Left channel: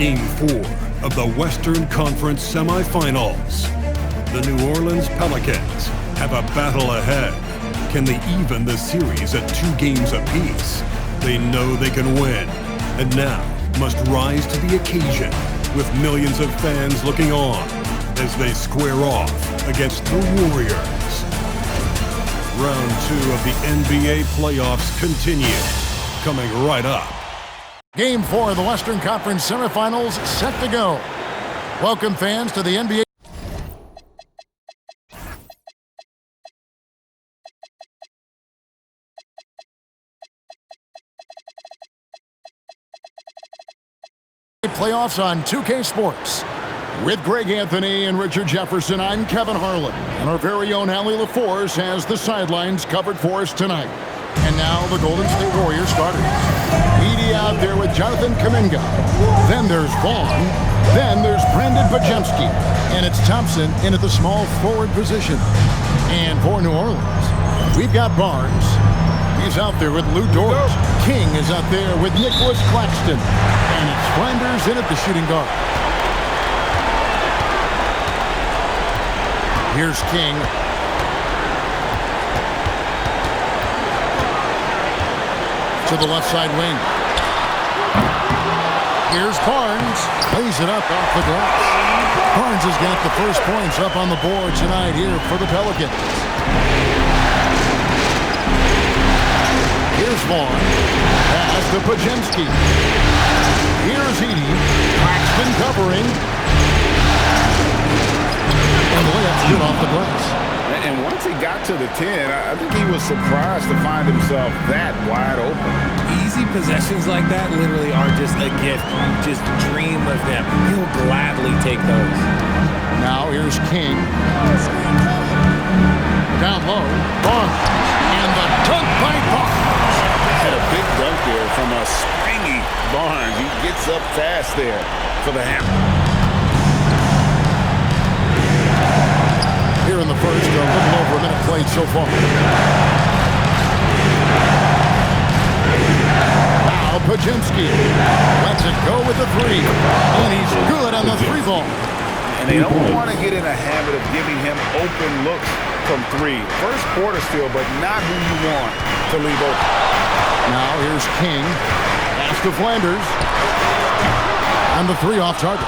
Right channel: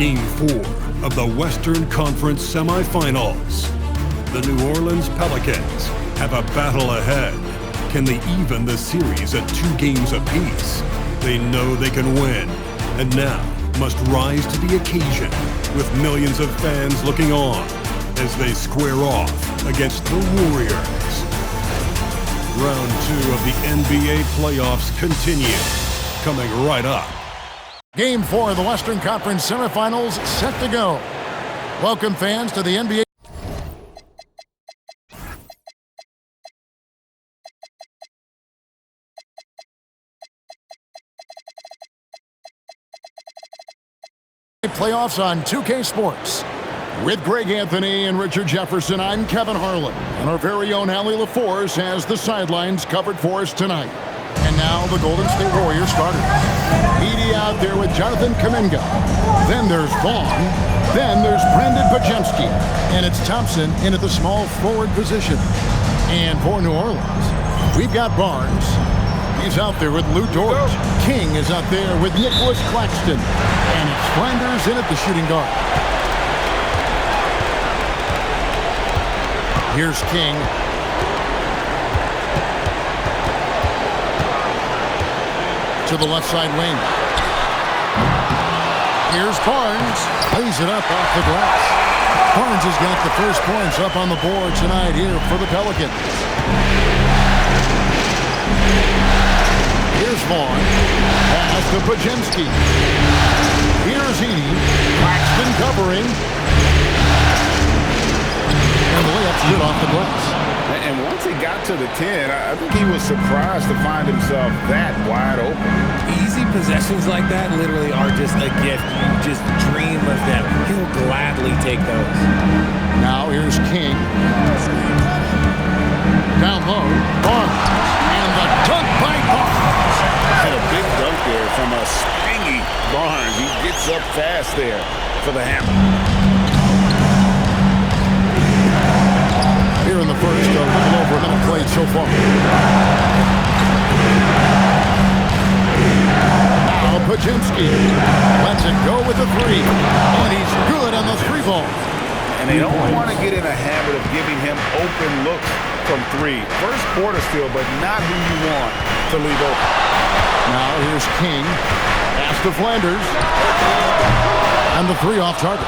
Game 4 of the Western Conference semifinals. The New Orleans Pelicans have a battle ahead. Can they even the series at 2 games apiece? They know they can win, and now must rise to the occasion with millions of fans looking on as they square off against the Warriors. Round 2 of the NBA playoffs continue, coming right up. Game 4 of the Western Conference semifinals set to go. Welcome fans to the NBA. Playoffs on 2K Sports. With Greg Anthony and Richard Jefferson, I'm Kevin Harlan. And our very own Allie LaForce has the sidelines covered for us tonight. And now the Golden State Warriors starters. Edey out there with Jonathan Kuminga. Then there's Vaughn. Then there's Brandon Bajemski. And it's Thompson in at the small forward position. And for New Orleans, we've got Barnes. He's out there with Lou Dort. King is out there with Nicholas Claxton. And it's Flanders in at the shooting guard. Here's King. To the left side wing. Here's Barnes. Plays it up off the glass. Barnes has got the first points up on the board tonight here for the Pelicans. Here's Vaughn. Pass to Bajemski. Here's Edey. Claxton covering. And the layup's good off the glass. And once he got to the 10, I think he was surprised to find himself that wide open. Easy possessions like that literally are just a gift. You just dream of them. He'll gladly take those. Now here's King. Down low, Barnes. And the dunk by Barnes. Had a big dunk there from a springy Barnes. He gets up fast there for the hammer. Here in the first, a little over a minute played so far. Now Bajemski lets it go with the 3. And he's good on the 3 ball. And they don't want to get in a habit of giving him open looks from 3. First quarter still, but not who you want to leave open. Now here's King. Pass to Flanders. And the 3 off target.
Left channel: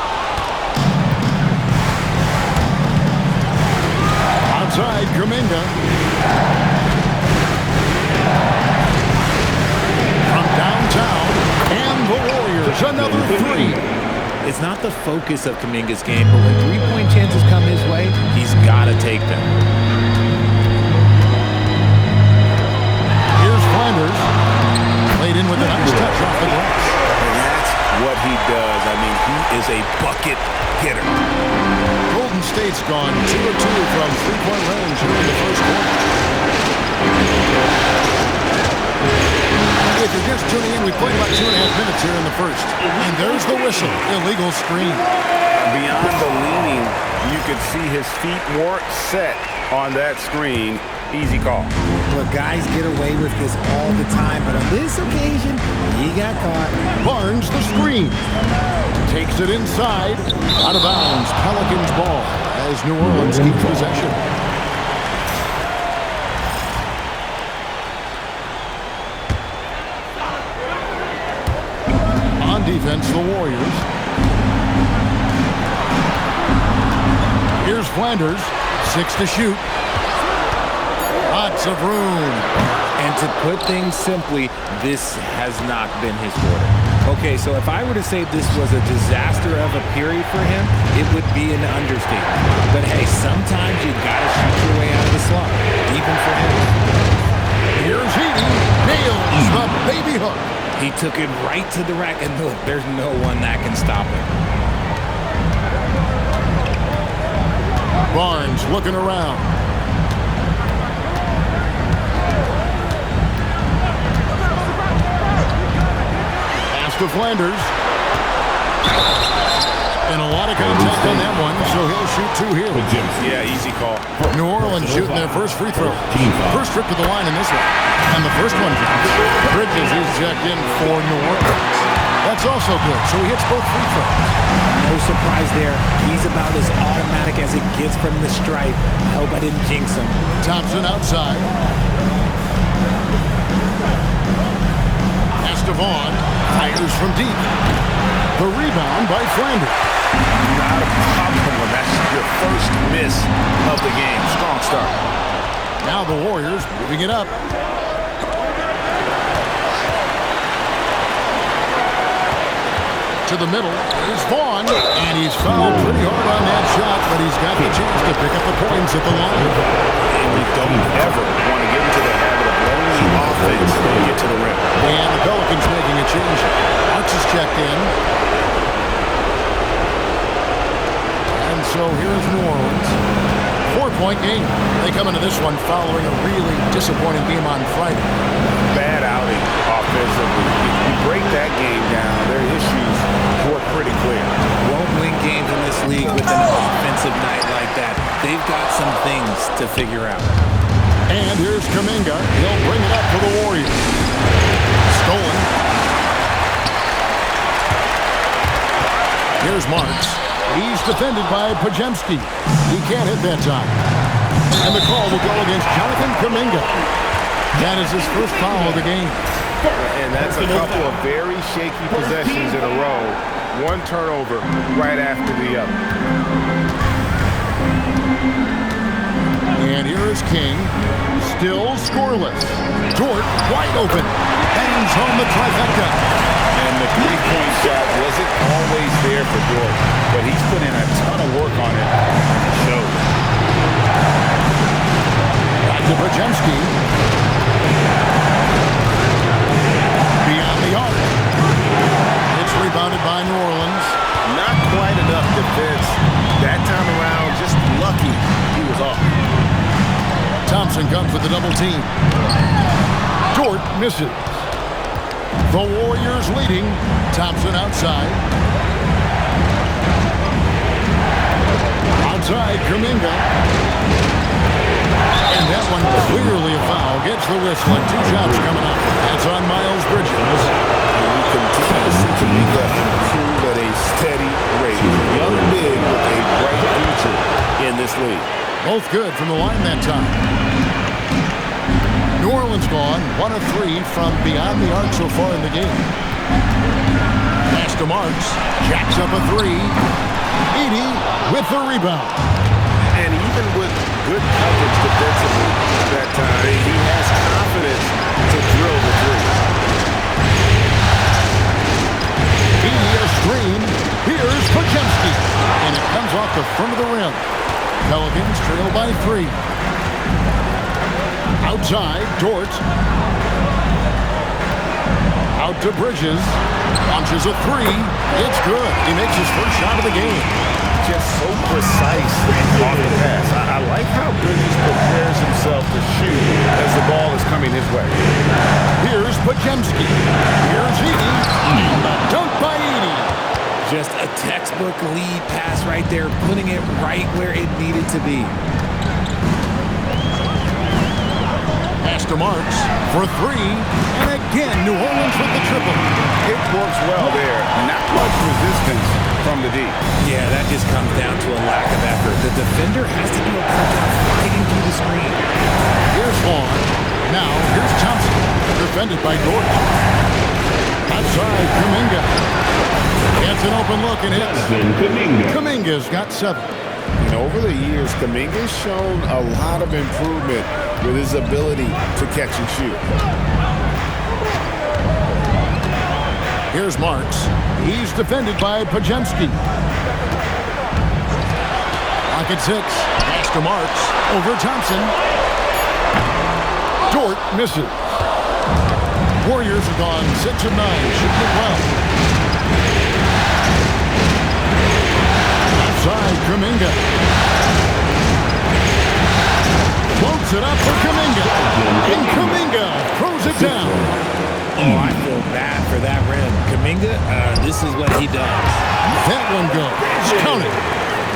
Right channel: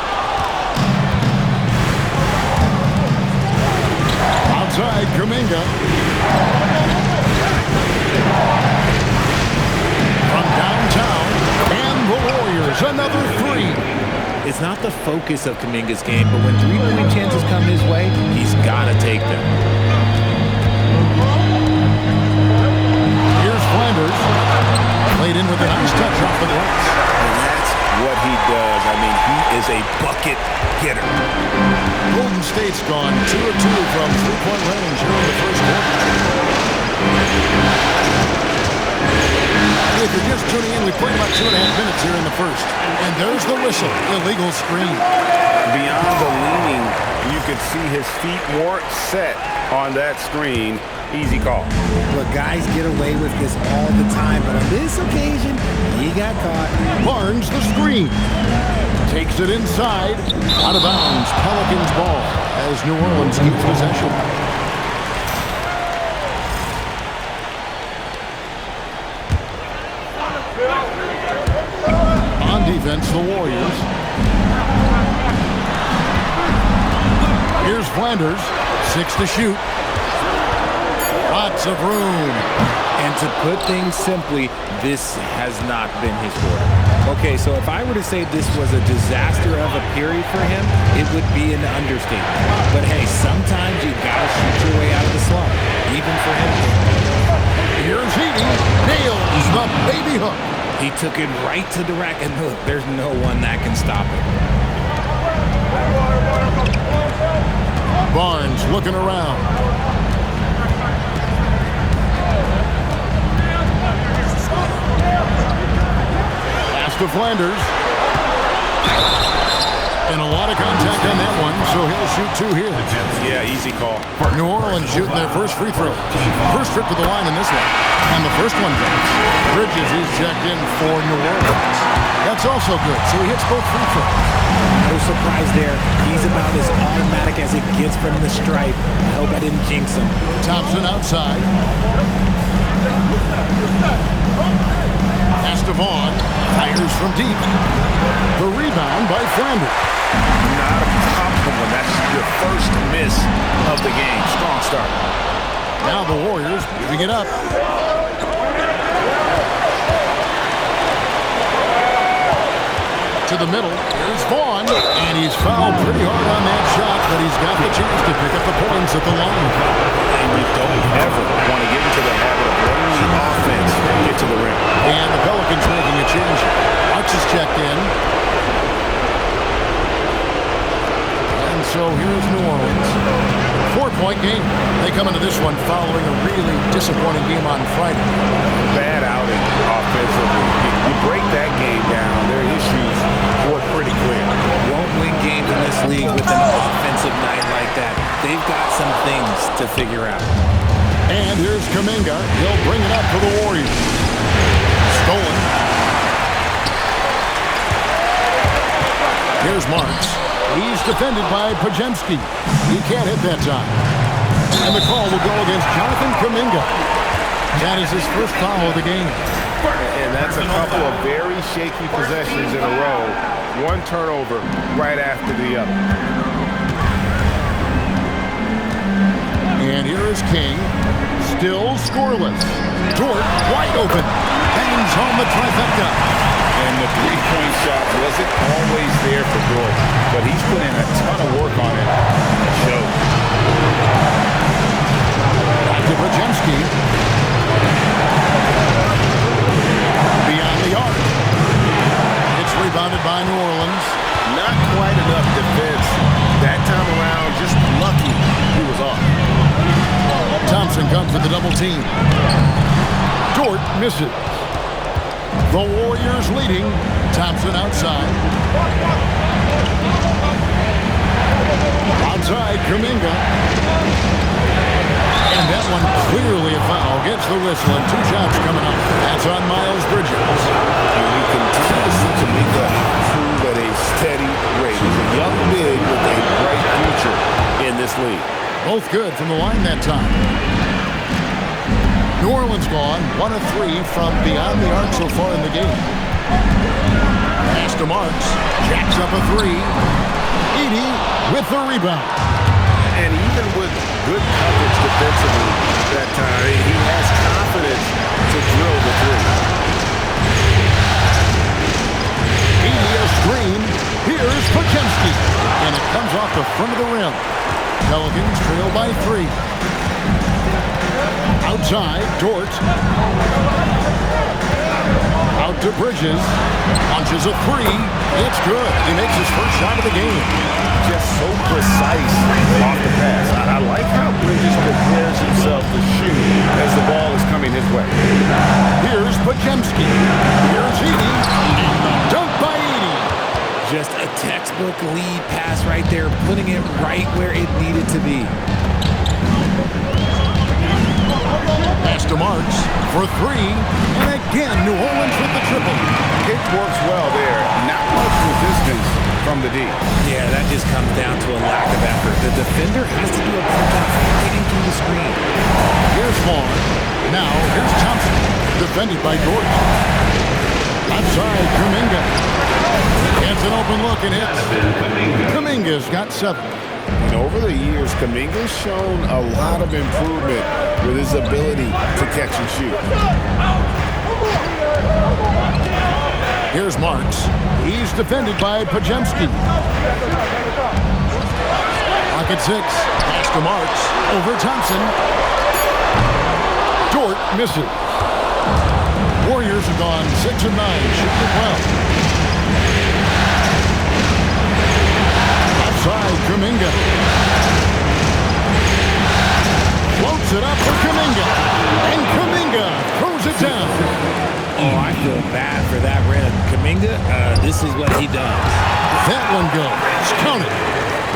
Outside, Kuminga. From downtown, and the Warriors, another 3. It's not the focus of Kuminga's game, but when 3-point chances come his way, he's got to take them. Here's Flanders. Played in with a nice touch off the glass. And that's what he does. I mean, he is a bucket getter. Golden State's gone 2 of 2 from 3-point range here in the first quarter. If you're just tuning in, we played about 2.5 minutes here in the first. And there's the whistle. Illegal screen. Beyond the leaning, you could see his feet weren't set on that screen. Easy call. Look, guys get away with this all the time, but on this occasion, he got caught. Barnes the screen. Takes it inside. Out of bounds. Pelicans ball as New Orleans keeps possession. On defense, the Warriors. Here's Flanders. 6 to shoot. Lots of room. And to put things simply, this has not been his quarter. Okay, so if I were to say this was a disaster of a period for him, it would be an understatement. But hey, sometimes you gotta shoot your way out of the slump, even for him. Here's Edey. Nails the baby hook. He took it right to the rack, and look, there's no one that can stop him. Barnes looking around. To Flanders. And a lot of contact on that one, so he'll shoot 2 here. Yeah, easy call. New Orleans shooting their first free throw. First trip to the line in this one. And the first one drops. Bridges is checked in for New Orleans. That's also good, so he hits both free throws. No surprise there. He's about as automatic as it gets from the stripe. I hope I didn't jinx him. Thompson outside. Pass to Vaughn. Fires from deep. The rebound by Flanders. Not a problem when that's your first miss of the game. Strong start. Now the Warriors moving it up. To the middle. Here's Vaughn. And he's fouled pretty hard on that shot, but he's got the chance to pick up the points at the line. And you don't ever want to get into the habit of letting the offense get to the rim. And the Pelicans making a change. Marks is checked in. And so here's New Orleans. 4-point game. They come into this one following a really disappointing game on Friday. Bad outing offensively. You break that game down, their issues were pretty clear. Won't win games in this league with an offensive night like that. They've got some things to figure out. And here's Kuminga. He'll bring it up for the Warriors. Stolen. Here's Marks. He's defended by Podziemski. He can't hit that time. And the call will go against Jonathan Kuminga. That is his first foul of the game. And that's a couple of very shaky possessions in a row. One turnover right after the other. And here is King. Still scoreless. Dort wide open. Bangs home the trifecta. And the three-point shot wasn't always there for Dort, but he's put in a ton of work on it, and it shows. Back to Podziemski. Beyond the arc. It's rebounded by New Orleans. Not quite enough defense. That time around, just lucky he was off. Thompson comes with the double team. Dort misses. The Warriors leading. Thompson outside. Outside, Kuminga. And that one clearly a foul. Gets the whistle and 2 shots coming up. That's on Miles Bridges. And we continue to see Kuminga improve at a steady rate. He's a young big with a bright future in this league. Both good from the line that time. New Orleans gone 1 of 3 from beyond the arc so far in the game. Pass to Marks. Jacks up a 3. Edey with the rebound. And even with good coverage defensively that time, he has confidence to drill the three. Edey a screen. Here's Podziemski. And it comes off the front of the rim. Pelicans trail by 3. Outside, Dort. Out to Bridges. Launches a 3. It's good. He makes his first shot of the game. Just so precise off the pass. I like how Bridges prepares himself to shoot as the ball is coming his way. Here's Podziemski. Here's Edey. And the dunk by Edey. Just a textbook lead pass right there, putting it right where it needed to be. Pass to Marks for 3. And again, New Orleans with the triple. It works well there. Not much resistance from the D. Yeah, that just comes down to a lack of effort. The defender has to do a good job fighting through the screen. Here's Vaughn. Now, here's Thompson. Defended by Dort. Outside, Kuminga. Gets an open look and hits. Kuminga's got 7. And over the years, Kuminga's shown a lot of improvement with his ability to catch and shoot. Here's Marks. He's defended by Podziemski. Pocket 6. Pass to Marks. Over Thompson. Dort misses. Warriors have gone 6 of 9. Shooting it well. Outside, Kuminga. Floats it up for Kuminga. And Kuminga throws it down. Oh, I feel bad for that rim. Kuminga, this is what he does. That one goes. Count it.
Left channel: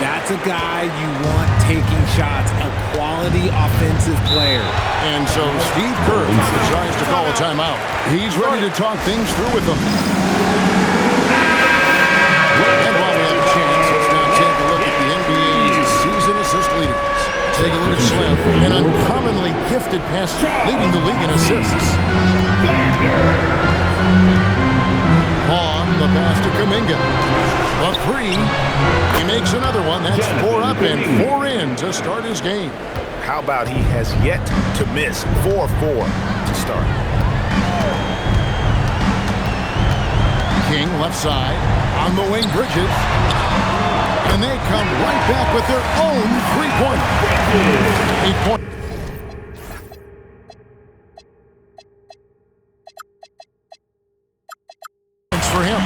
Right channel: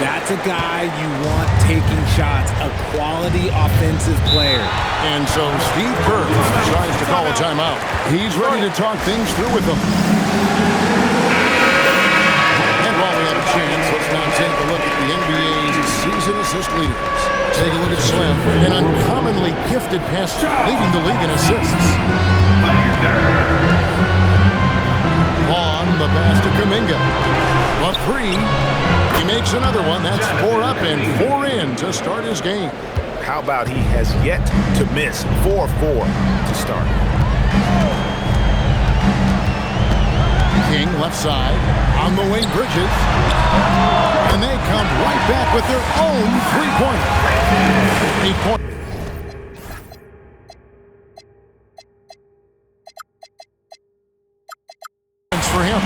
That's a guy you want taking shots, a quality offensive player. And so Steve Kerr decides to call a timeout. He's ready to talk things through with them. season assist leaders. Take a look at Slim, an uncommonly gifted passer, leading the league in assists. Vaughn, the pass to Kuminga. The three. He makes another one. That's 4 up and 4 in to start his game. How about he has yet to miss 4-4 to start. King, left side. On the wing, Bridges. And they come right back with their own three-pointer. 8 points for him.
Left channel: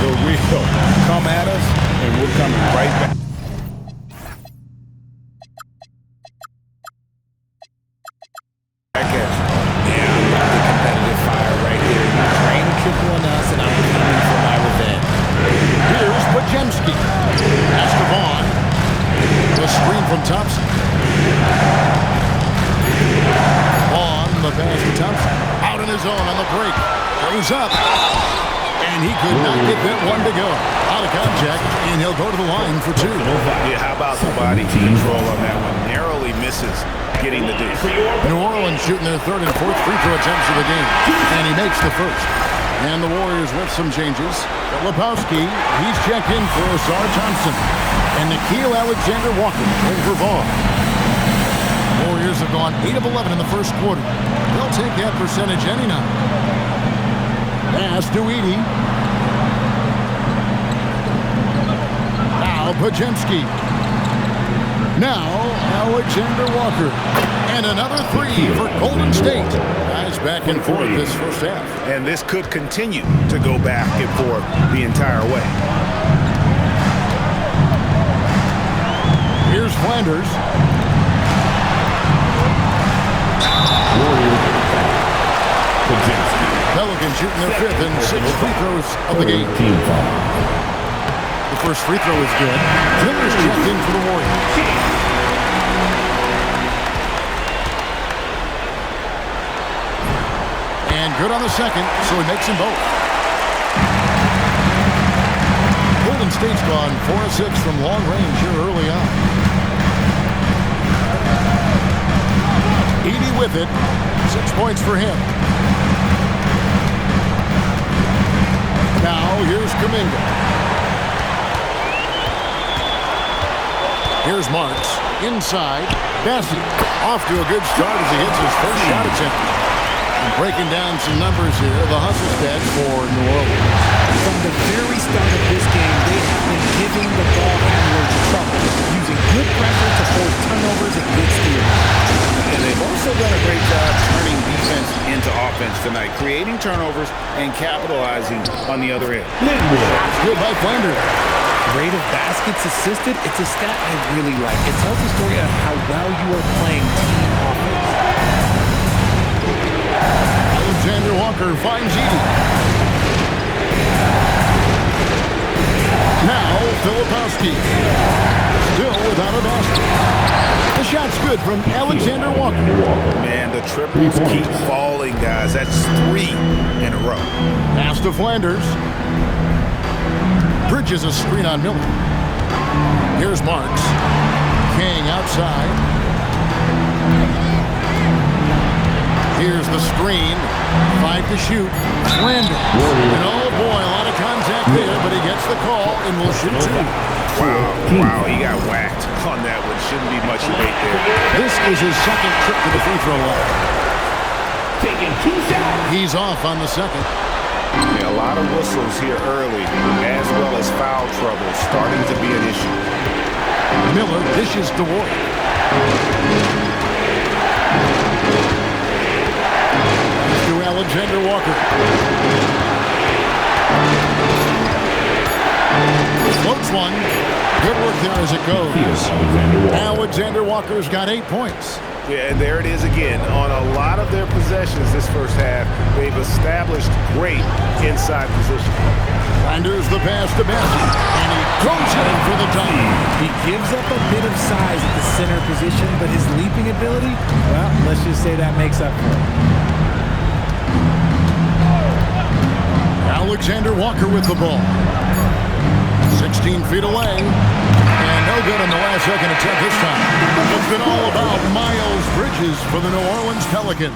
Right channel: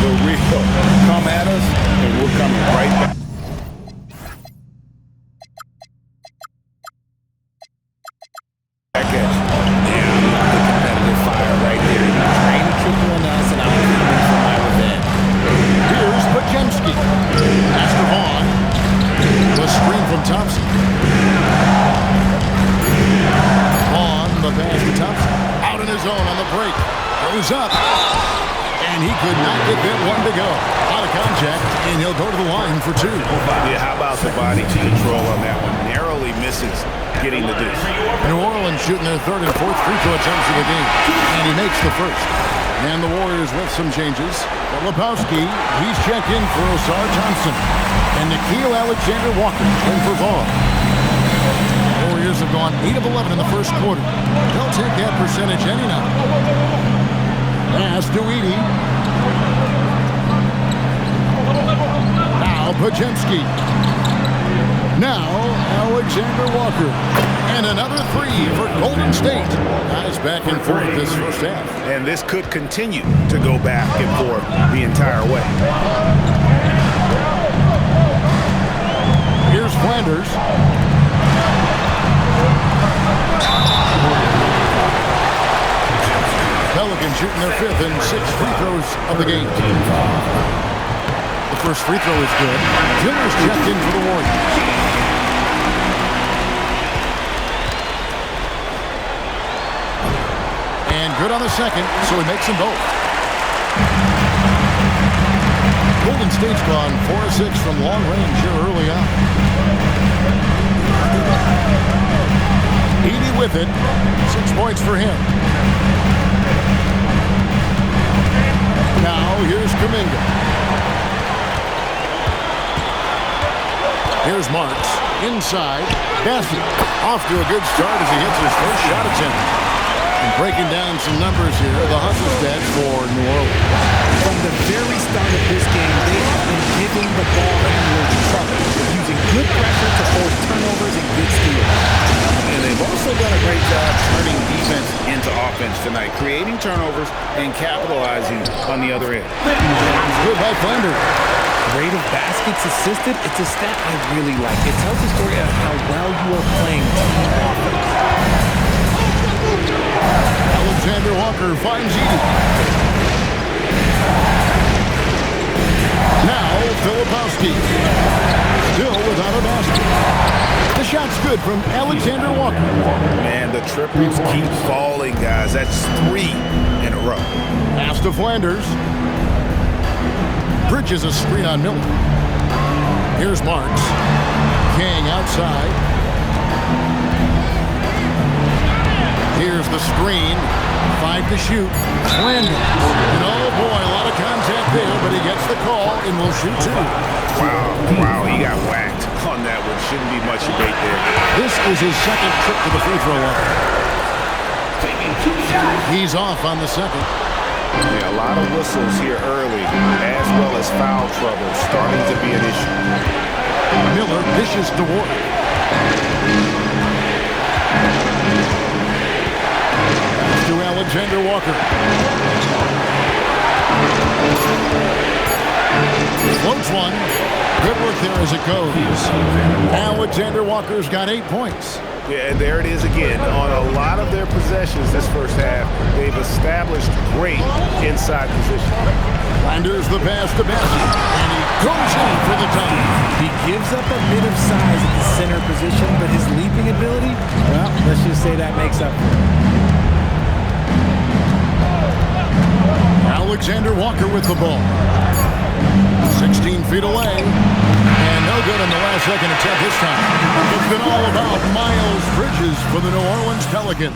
The real. Come at us, and we're coming right back. Back at you. Yeah, I love the competitive fire right there. You train triple on us, and I'm coming for my revenge. Here's Pajemski. Pass to Vaughn. The screen from Thompson. Vaughn, the pass to Thompson. Out on his own on the break. Goes up. And he could not get that one to go. Out of contact, and he'll go to the line for 2. Yeah, how about the body control on that one? Narrowly misses getting the deuce. New Orleans shooting their 3rd and 4th free throw attempts of the game. And he makes the first. And the Warriors with some changes. Filipowski, he's checked in for Asar Thompson. And Nickeil Alexander-Walker in for Vaughn. Warriors have gone 8 of 11 in the first quarter. They'll take that percentage any night. Pass to Edey. Now Pajemski. Now Alexander Walker. And another 3 for Golden State. Guys back and forth this first half. And this could continue to go back and forth the entire way. Here's Flanders. Pelicans shooting their 5th and 6th free throws of the game. The first free throw is good. Miller's checked in for the Warriors. And good on the second, so he makes them both. Golden State's gone 4 of 6 from long range here early on. Edey with it. 6 points for him. Now, here's Kuminga. Here's Marks. Inside. Bassey. Off to a good start as he hits his first shot attempt. And breaking down some numbers here, the hustle stats for New Orleans. From the very start of this game, they have been giving the ball handlers trouble, using good pressure to force turnovers and good steals. And they've also done a great job turning defense into offense tonight, creating turnovers and capitalizing on the other end. That's good by Flanders. Rate of baskets assisted, it's a stat I really like. It tells the story of how well you are playing team offense. Alexander Walker finds Edey. Now, Filipowski. Still without a basket. The shot's good from Alexander Walker. Man, the triples keep falling, guys. That's 3 in a row. Pass to Flanders. Bridges a screen on Miller. Here's Marks. King outside. Here's the screen. 5 to shoot. Flanders. And oh boy, a lot of contact there, but he gets the call and will shoot 2. Wow, he got whacked on that one. Shouldn't be much debate there. This is his second trip to the free throw line. Taking 2 shots. He's off on the second. Yeah, a lot of whistles here early, as well as foul trouble starting to be an issue. Miller dishes to Ward. Pass to Alexander Walker. Floats one. Good work there as it goes. Alexander Walker's got 8 points. Yeah, and there it is again. On a lot of their possessions this first half, they've established great inside position. Flanders the pass to Bassey, and he goes in for the dunk. He gives up a bit of size at the center position, but his leaping ability, well, let's just say that makes up for it. Alexander Walker with the ball. 16 feet away. And no No good on the last-second attempt this time. It's been all about Miles Bridges for the New Orleans Pelicans.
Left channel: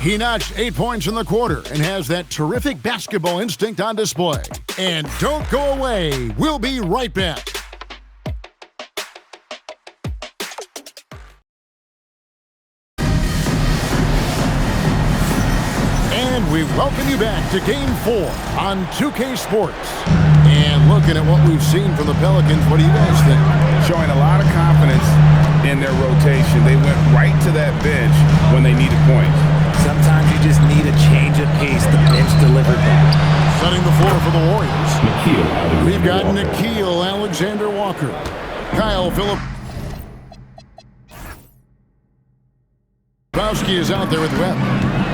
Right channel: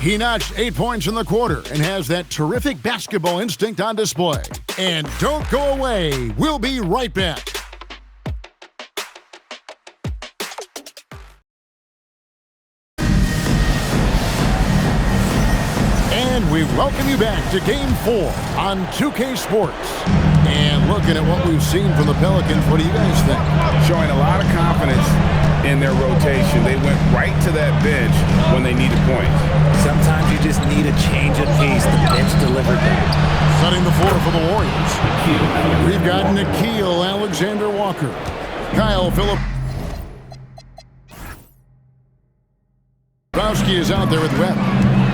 He notched 8 points in the quarter and has that terrific basketball instinct on display. And don't go away. We'll be right back. And we welcome you back to Game 4 on 2K Sports. And looking at what we've seen from the Pelicans, what do you guys think? Showing a lot of confidence in their rotation. They went right to that bench when they needed points. Sometimes you just need a change of pace. The bench delivered that. Setting the floor for the Warriors. We've got Nickeil Alexander-Walker. Kyle Filipowski is out there with Webb.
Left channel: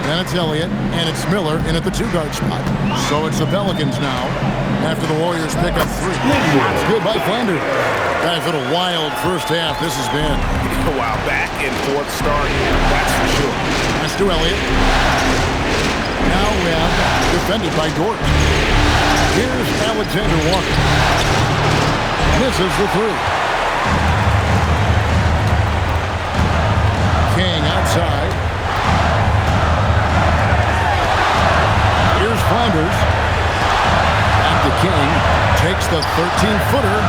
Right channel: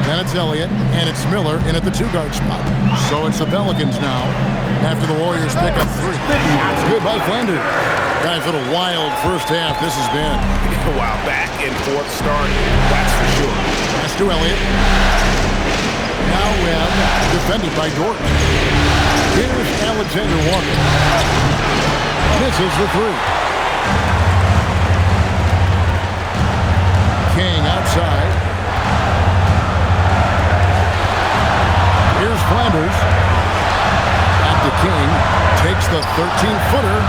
Then it's Elliott, and it's Miller in at the two-guard spot. So it's the Pelicans now after the Warriors pick up 3. Shots good by Flanders. Guys, what a wild first half this has been. Wow, back and forth start, that's for sure. Pass to Elliott. Now Webb, defended by Dort. Here's Alexander Walker. Misses the 3. King outside. Here's Flanders. Back to King. Takes the 13-footer.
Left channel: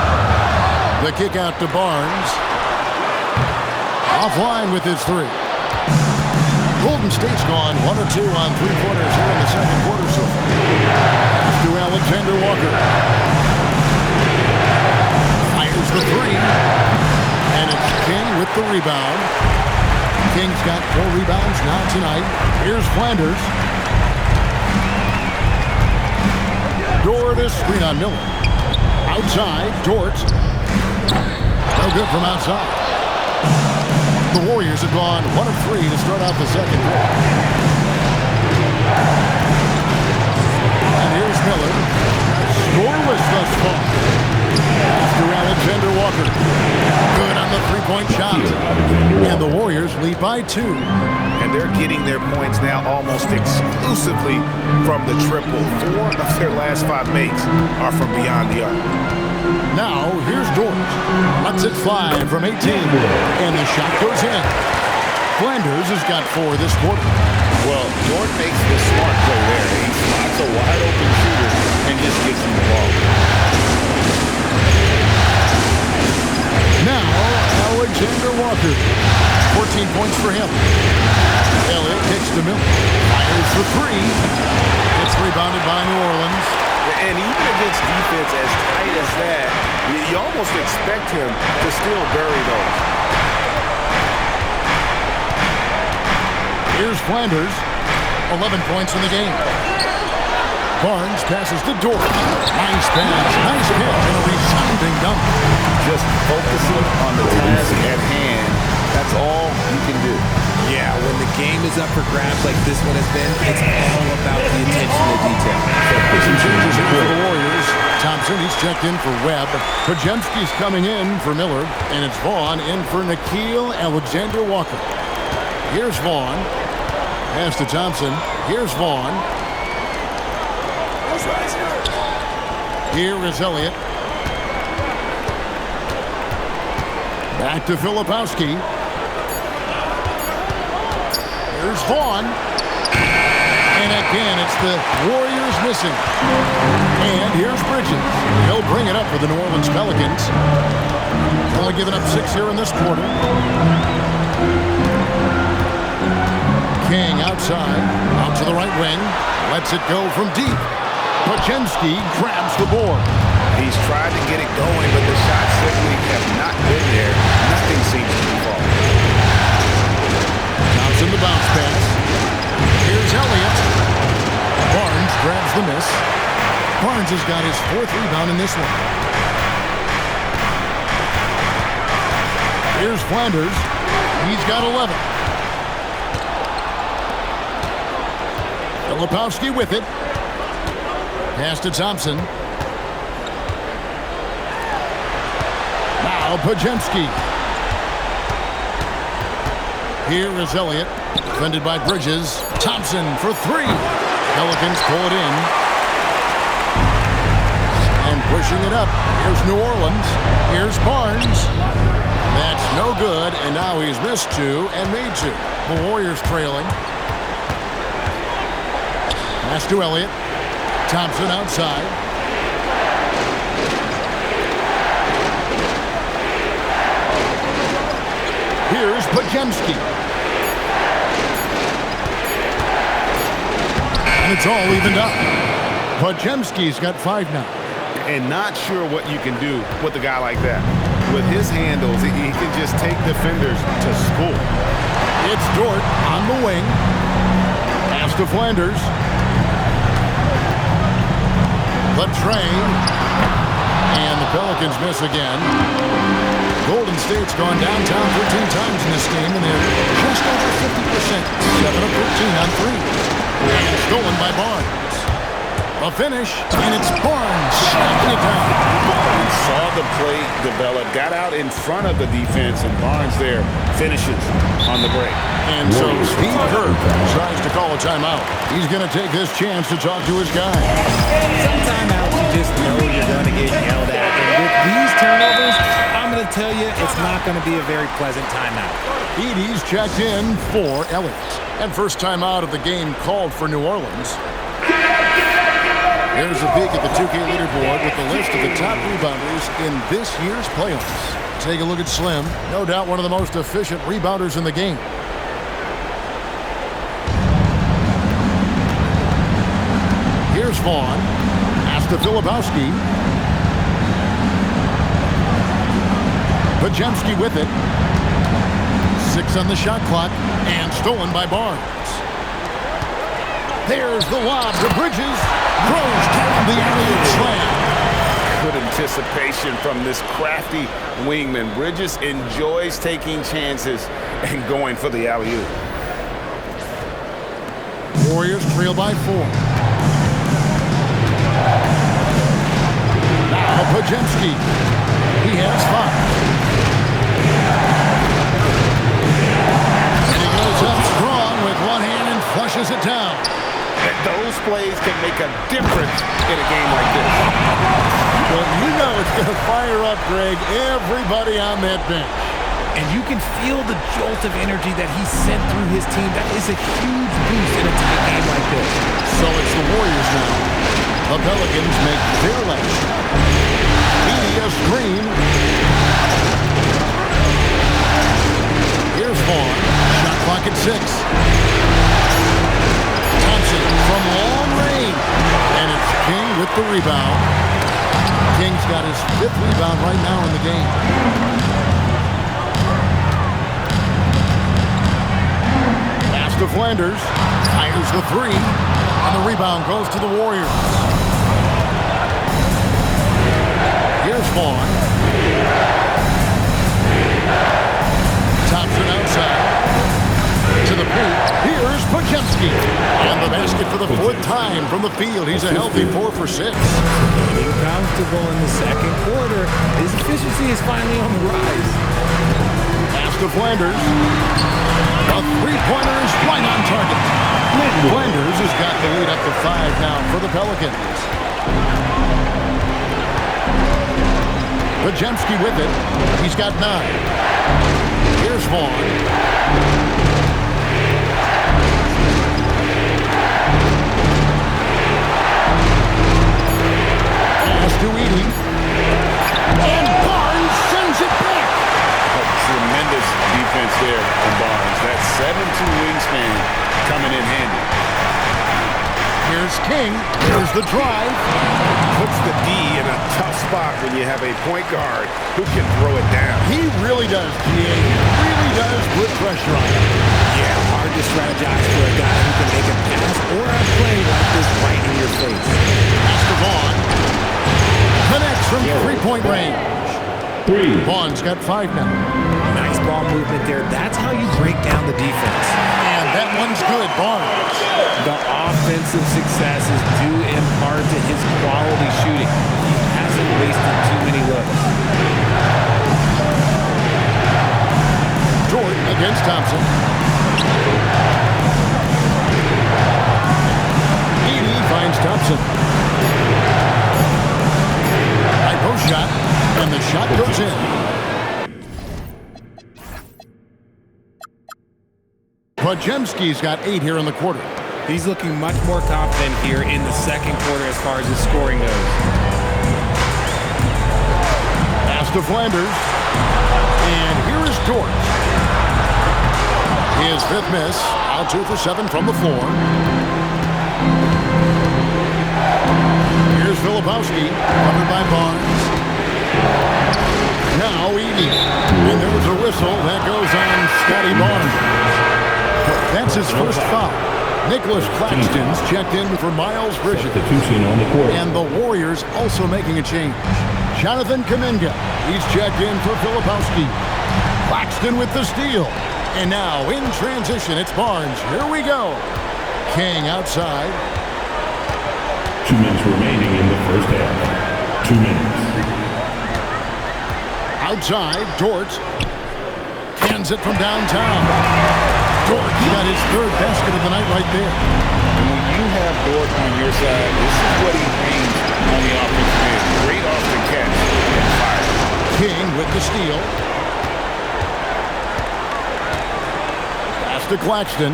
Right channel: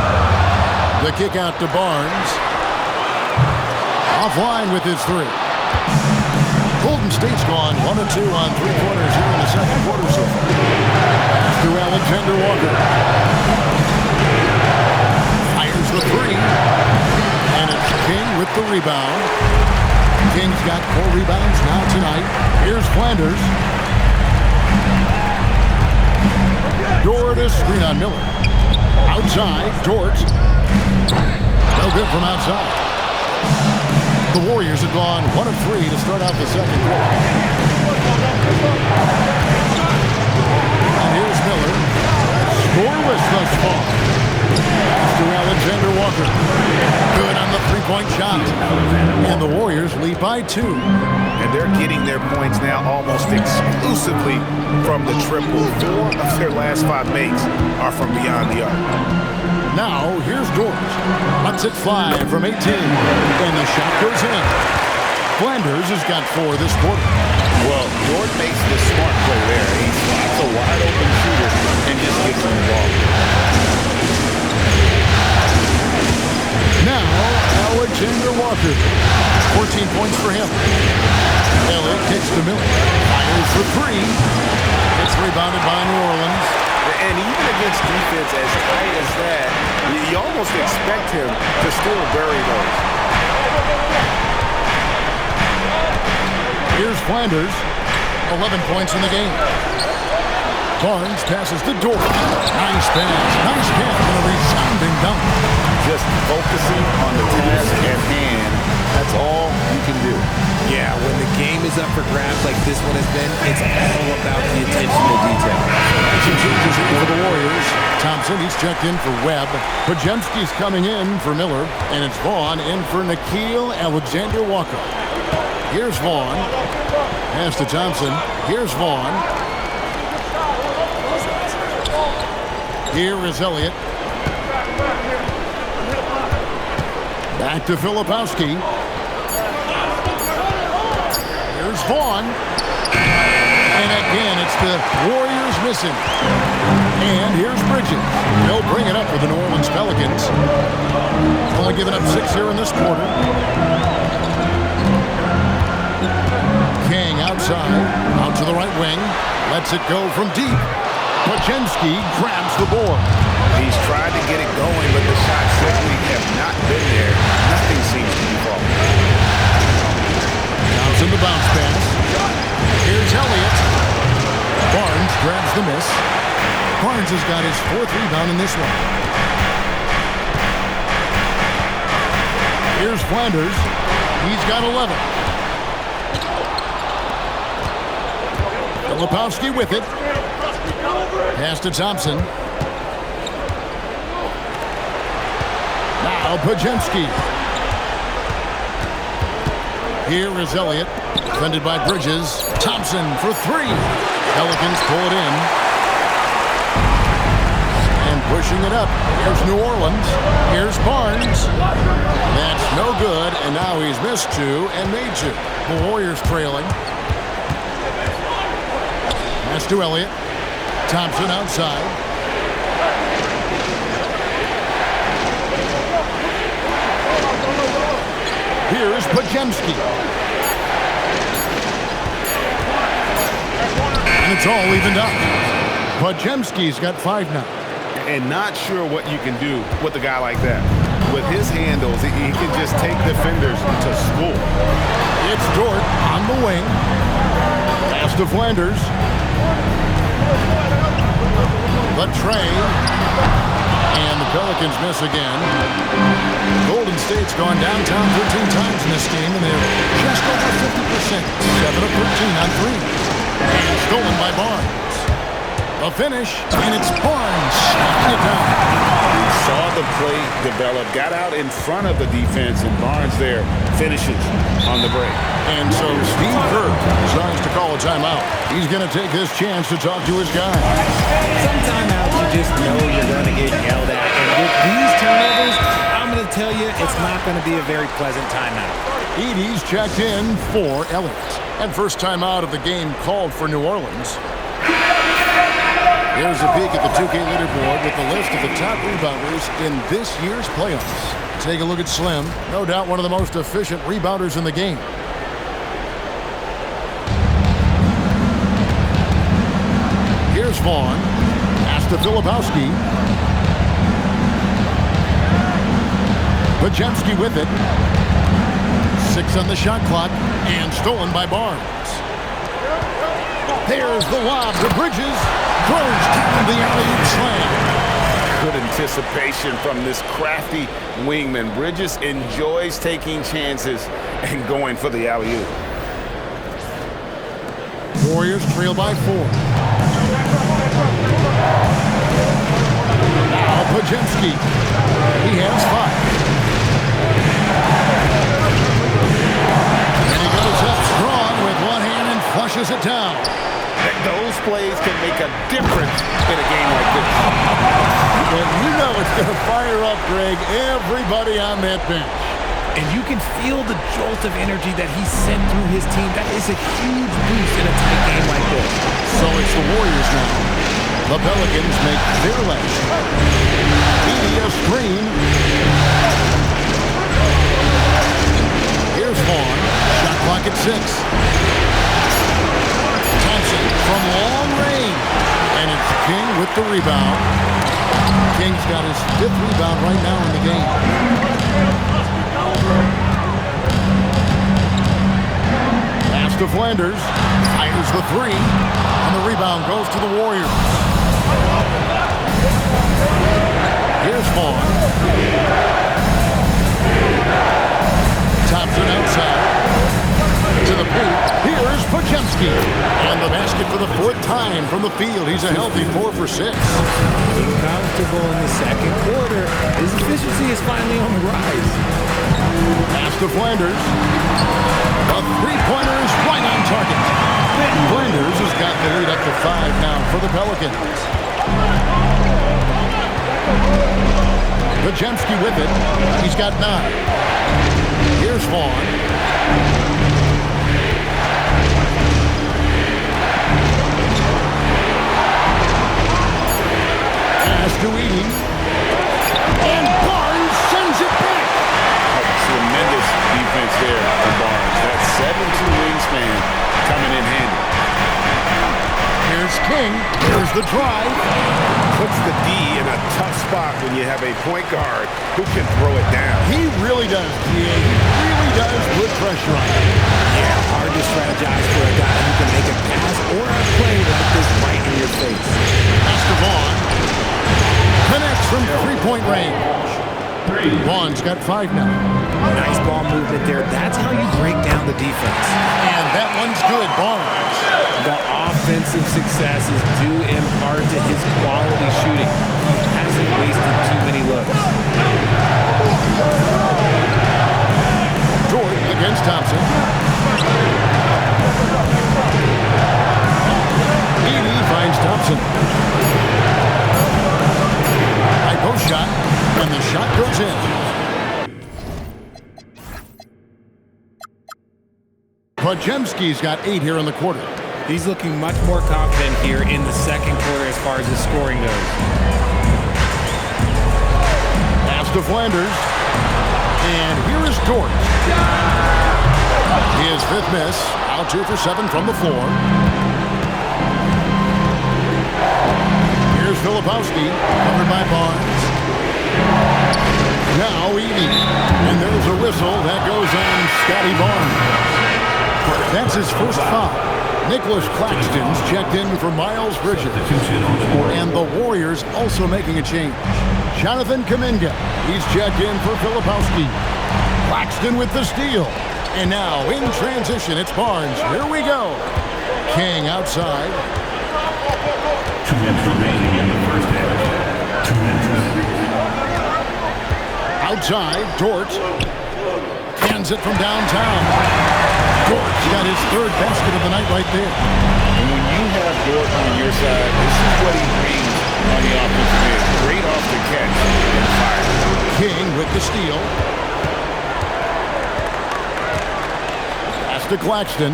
The kick out to Barnes. Offline with his 3. Golden State's gone 1 of 2 on 3 quarters here in the second quarter so far. Pass to Alexander Walker. Fires the 3. And it's King with the rebound. King's got 4 rebounds now tonight. Here's Flanders. Dort is screen on Miller. Outside, Dort. No good from outside. The Warriors have gone 1 of 3 to start out the second quarter. And here's Miller. Scoreless thus far. Pass to Alexander Walker. Good on the three-point shot. And the Warriors lead by 2. And they're getting their points now almost exclusively from the triple. 4 of their last 5 makes are from beyond the arc. Now, here's Dort. Lets it fly from 18. And the shot goes in. Flanders has got 4 this quarter. Well, Dort makes the smart play there. He spots a wide-open shooter and just gives him the ball. Now, Alexander Walker. 14 points for him. Elliott kicks to Miller. Fires for 3. It's rebounded by New Orleans. And even against defense as tight as that, you almost expect him to still bury those. Here's Flanders. 11 points in the game. Barnes passes to Dort. Nice pass. Nice catch and a resounding dunk. Just focusing on the task at hand. That's all you can do. Yeah, when the game is up for grabs like this one has been, it's all about the attention to detail. Some changes here for the Warriors. Thompson, he's checked in for Webb. Podziemski's coming in for Miller. And it's Vaughn in for Nickeil Alexander-Walker. Here's Vaughn. Pass to Thompson. Here's Vaughn. Here is Elliott. Back to Filipowski. Here's Vaughn. And again, it's the Warriors missing. And here's Bridges. He'll bring it up for the New Orleans Pelicans. Only giving up 6 here in this quarter. King outside. Out to the right wing. Lets it go from deep. Podziemski grabs the board. He's tried to get it going, but the shots simply have not been there. Nothing seems to be falling. Thompson the bounce pass. Here's Elliott. Barnes grabs the miss. Barnes has got his 4th rebound in this one. Here's Flanders. He's got 11. Filipowski with it. Pass to Thompson. Now Podziemski. Here is Elliott. Defended by Bridges. Thompson for 3. Pelicans pull it in. And pushing it up. Here's New Orleans. Here's Barnes. That's no good, and now he's missed two and made two. The Warriors trailing. Pass to Elliott. Thompson outside. Here's Pajemski. And it's all evened up. Pajemski's got 5 now. And not sure what you can do with a guy like that. With his handles, he can just take defenders to school. It's Dort on the wing. Pass to Flanders. The tray. And the Pelicans miss again. Golden State's gone downtown 13 times in this game, and they're just over 50%. 7 of 13 on 3. And stolen by Barnes. A finish, and it's Barnes shutting it down. He saw the play develop, got out in front of the defense, and Barnes there finishes on the break. And so Steve Kerr decides to call a timeout. He's going to take this chance to talk to his guy. Some timeouts you just know you're going to get yelled at. And with these turnovers, I'm going to tell you it's not going to be a very pleasant timeout. Edey's checked in for Elliott. And first timeout of the game called for New Orleans. Here's a peek at the 2K leaderboard with the list of the top rebounders in this year's playoffs. Take a look at Slim. No doubt one of the most efficient rebounders in the game. Here's Vaughn. Pass to Filipowski. Pajemski with it. 6 on the shot clock. And stolen by Barnes. There's the lob to Bridges. Throws down the alley-oop slam. Good anticipation from this crafty wingman. Bridges enjoys taking chances and going for the alley-oop. Warriors trail by 4. Now Pajemski. He has 5. And he goes up strong with one hand and flushes it down. Those plays can make a difference in a game like this. Well, you know it's going to fire up, Greg, everybody on that bench. And you can feel the jolt of energy that he sent through his team. That is a huge boost in a tight game like this. So it's the Warriors now. The Pelicans make their last shot. Edey a screen. Here's Vaughn. Shot clock at 6. From long range. And it's King with the rebound. King's got his 5th rebound right now in the game. Pass to Flanders. Fires the 3. And the rebound goes to the Warriors. Here's Vaughn. Thompson outside. To the paint. Here's Pajemski. And the basket for the 4th time from the field. He's a healthy 4 for 6. Getting comfortable in the second quarter. His efficiency is finally on the rise. Pass to Flanders. A 3-pointer is right on target. Flanders has got the lead up to 5 now for the Pelicans. Pajemski with it. He's got 9. Here's Vaughn. Pass to Edey. And Barnes sends it back. Tremendous defense there from Barnes. That 7'2" wingspan coming in handy. Here's King. Here's the drive. Puts the D in a tough spot when you have a point guard who can throw it down. He really does, G.A. He really does put pressure on him. Yeah, hard to strategize for a guy who can make a pass or a play like this right in your face. Pass to Vaughn. Connects from 3-point range. 3. Vaughn's got 5 now. Nice ball movement there. That's how you break down the defense. And that one's good, Barnes. The offensive success is due in part to his quality shooting. He hasn't wasted too many looks. Dort against Thompson. Edey finds Thompson. post shot, and the shot goes in. Podziemski's got 8 here in the quarter. He's looking much more confident here in the second quarter as far as his scoring goes. Pass to Flanders. And here is Dort. His 5th miss. Out 2 for 7 from the floor. Here's Filipowski, covered by Barnes. Now Edey. And there's a whistle that goes on Scotty Barnes. That's his first foul. Nicholas Claxton's checked in for Miles Bridges. And the Warriors also making a change. Jonathan Kuminga, he's checked in for Filipowski. Claxton with the steal. And now in transition, it's Barnes. Here we go. King outside. 2 minutes remaining in the first half. 2 minutes. Outside, Dort. Cans it from downtown. Dort's got his 3rd basket of the night right there. And when you have Dort on your side, this is what he brings on the offensive end. Great off the catch and fire. King with the steal. Pass to Claxton.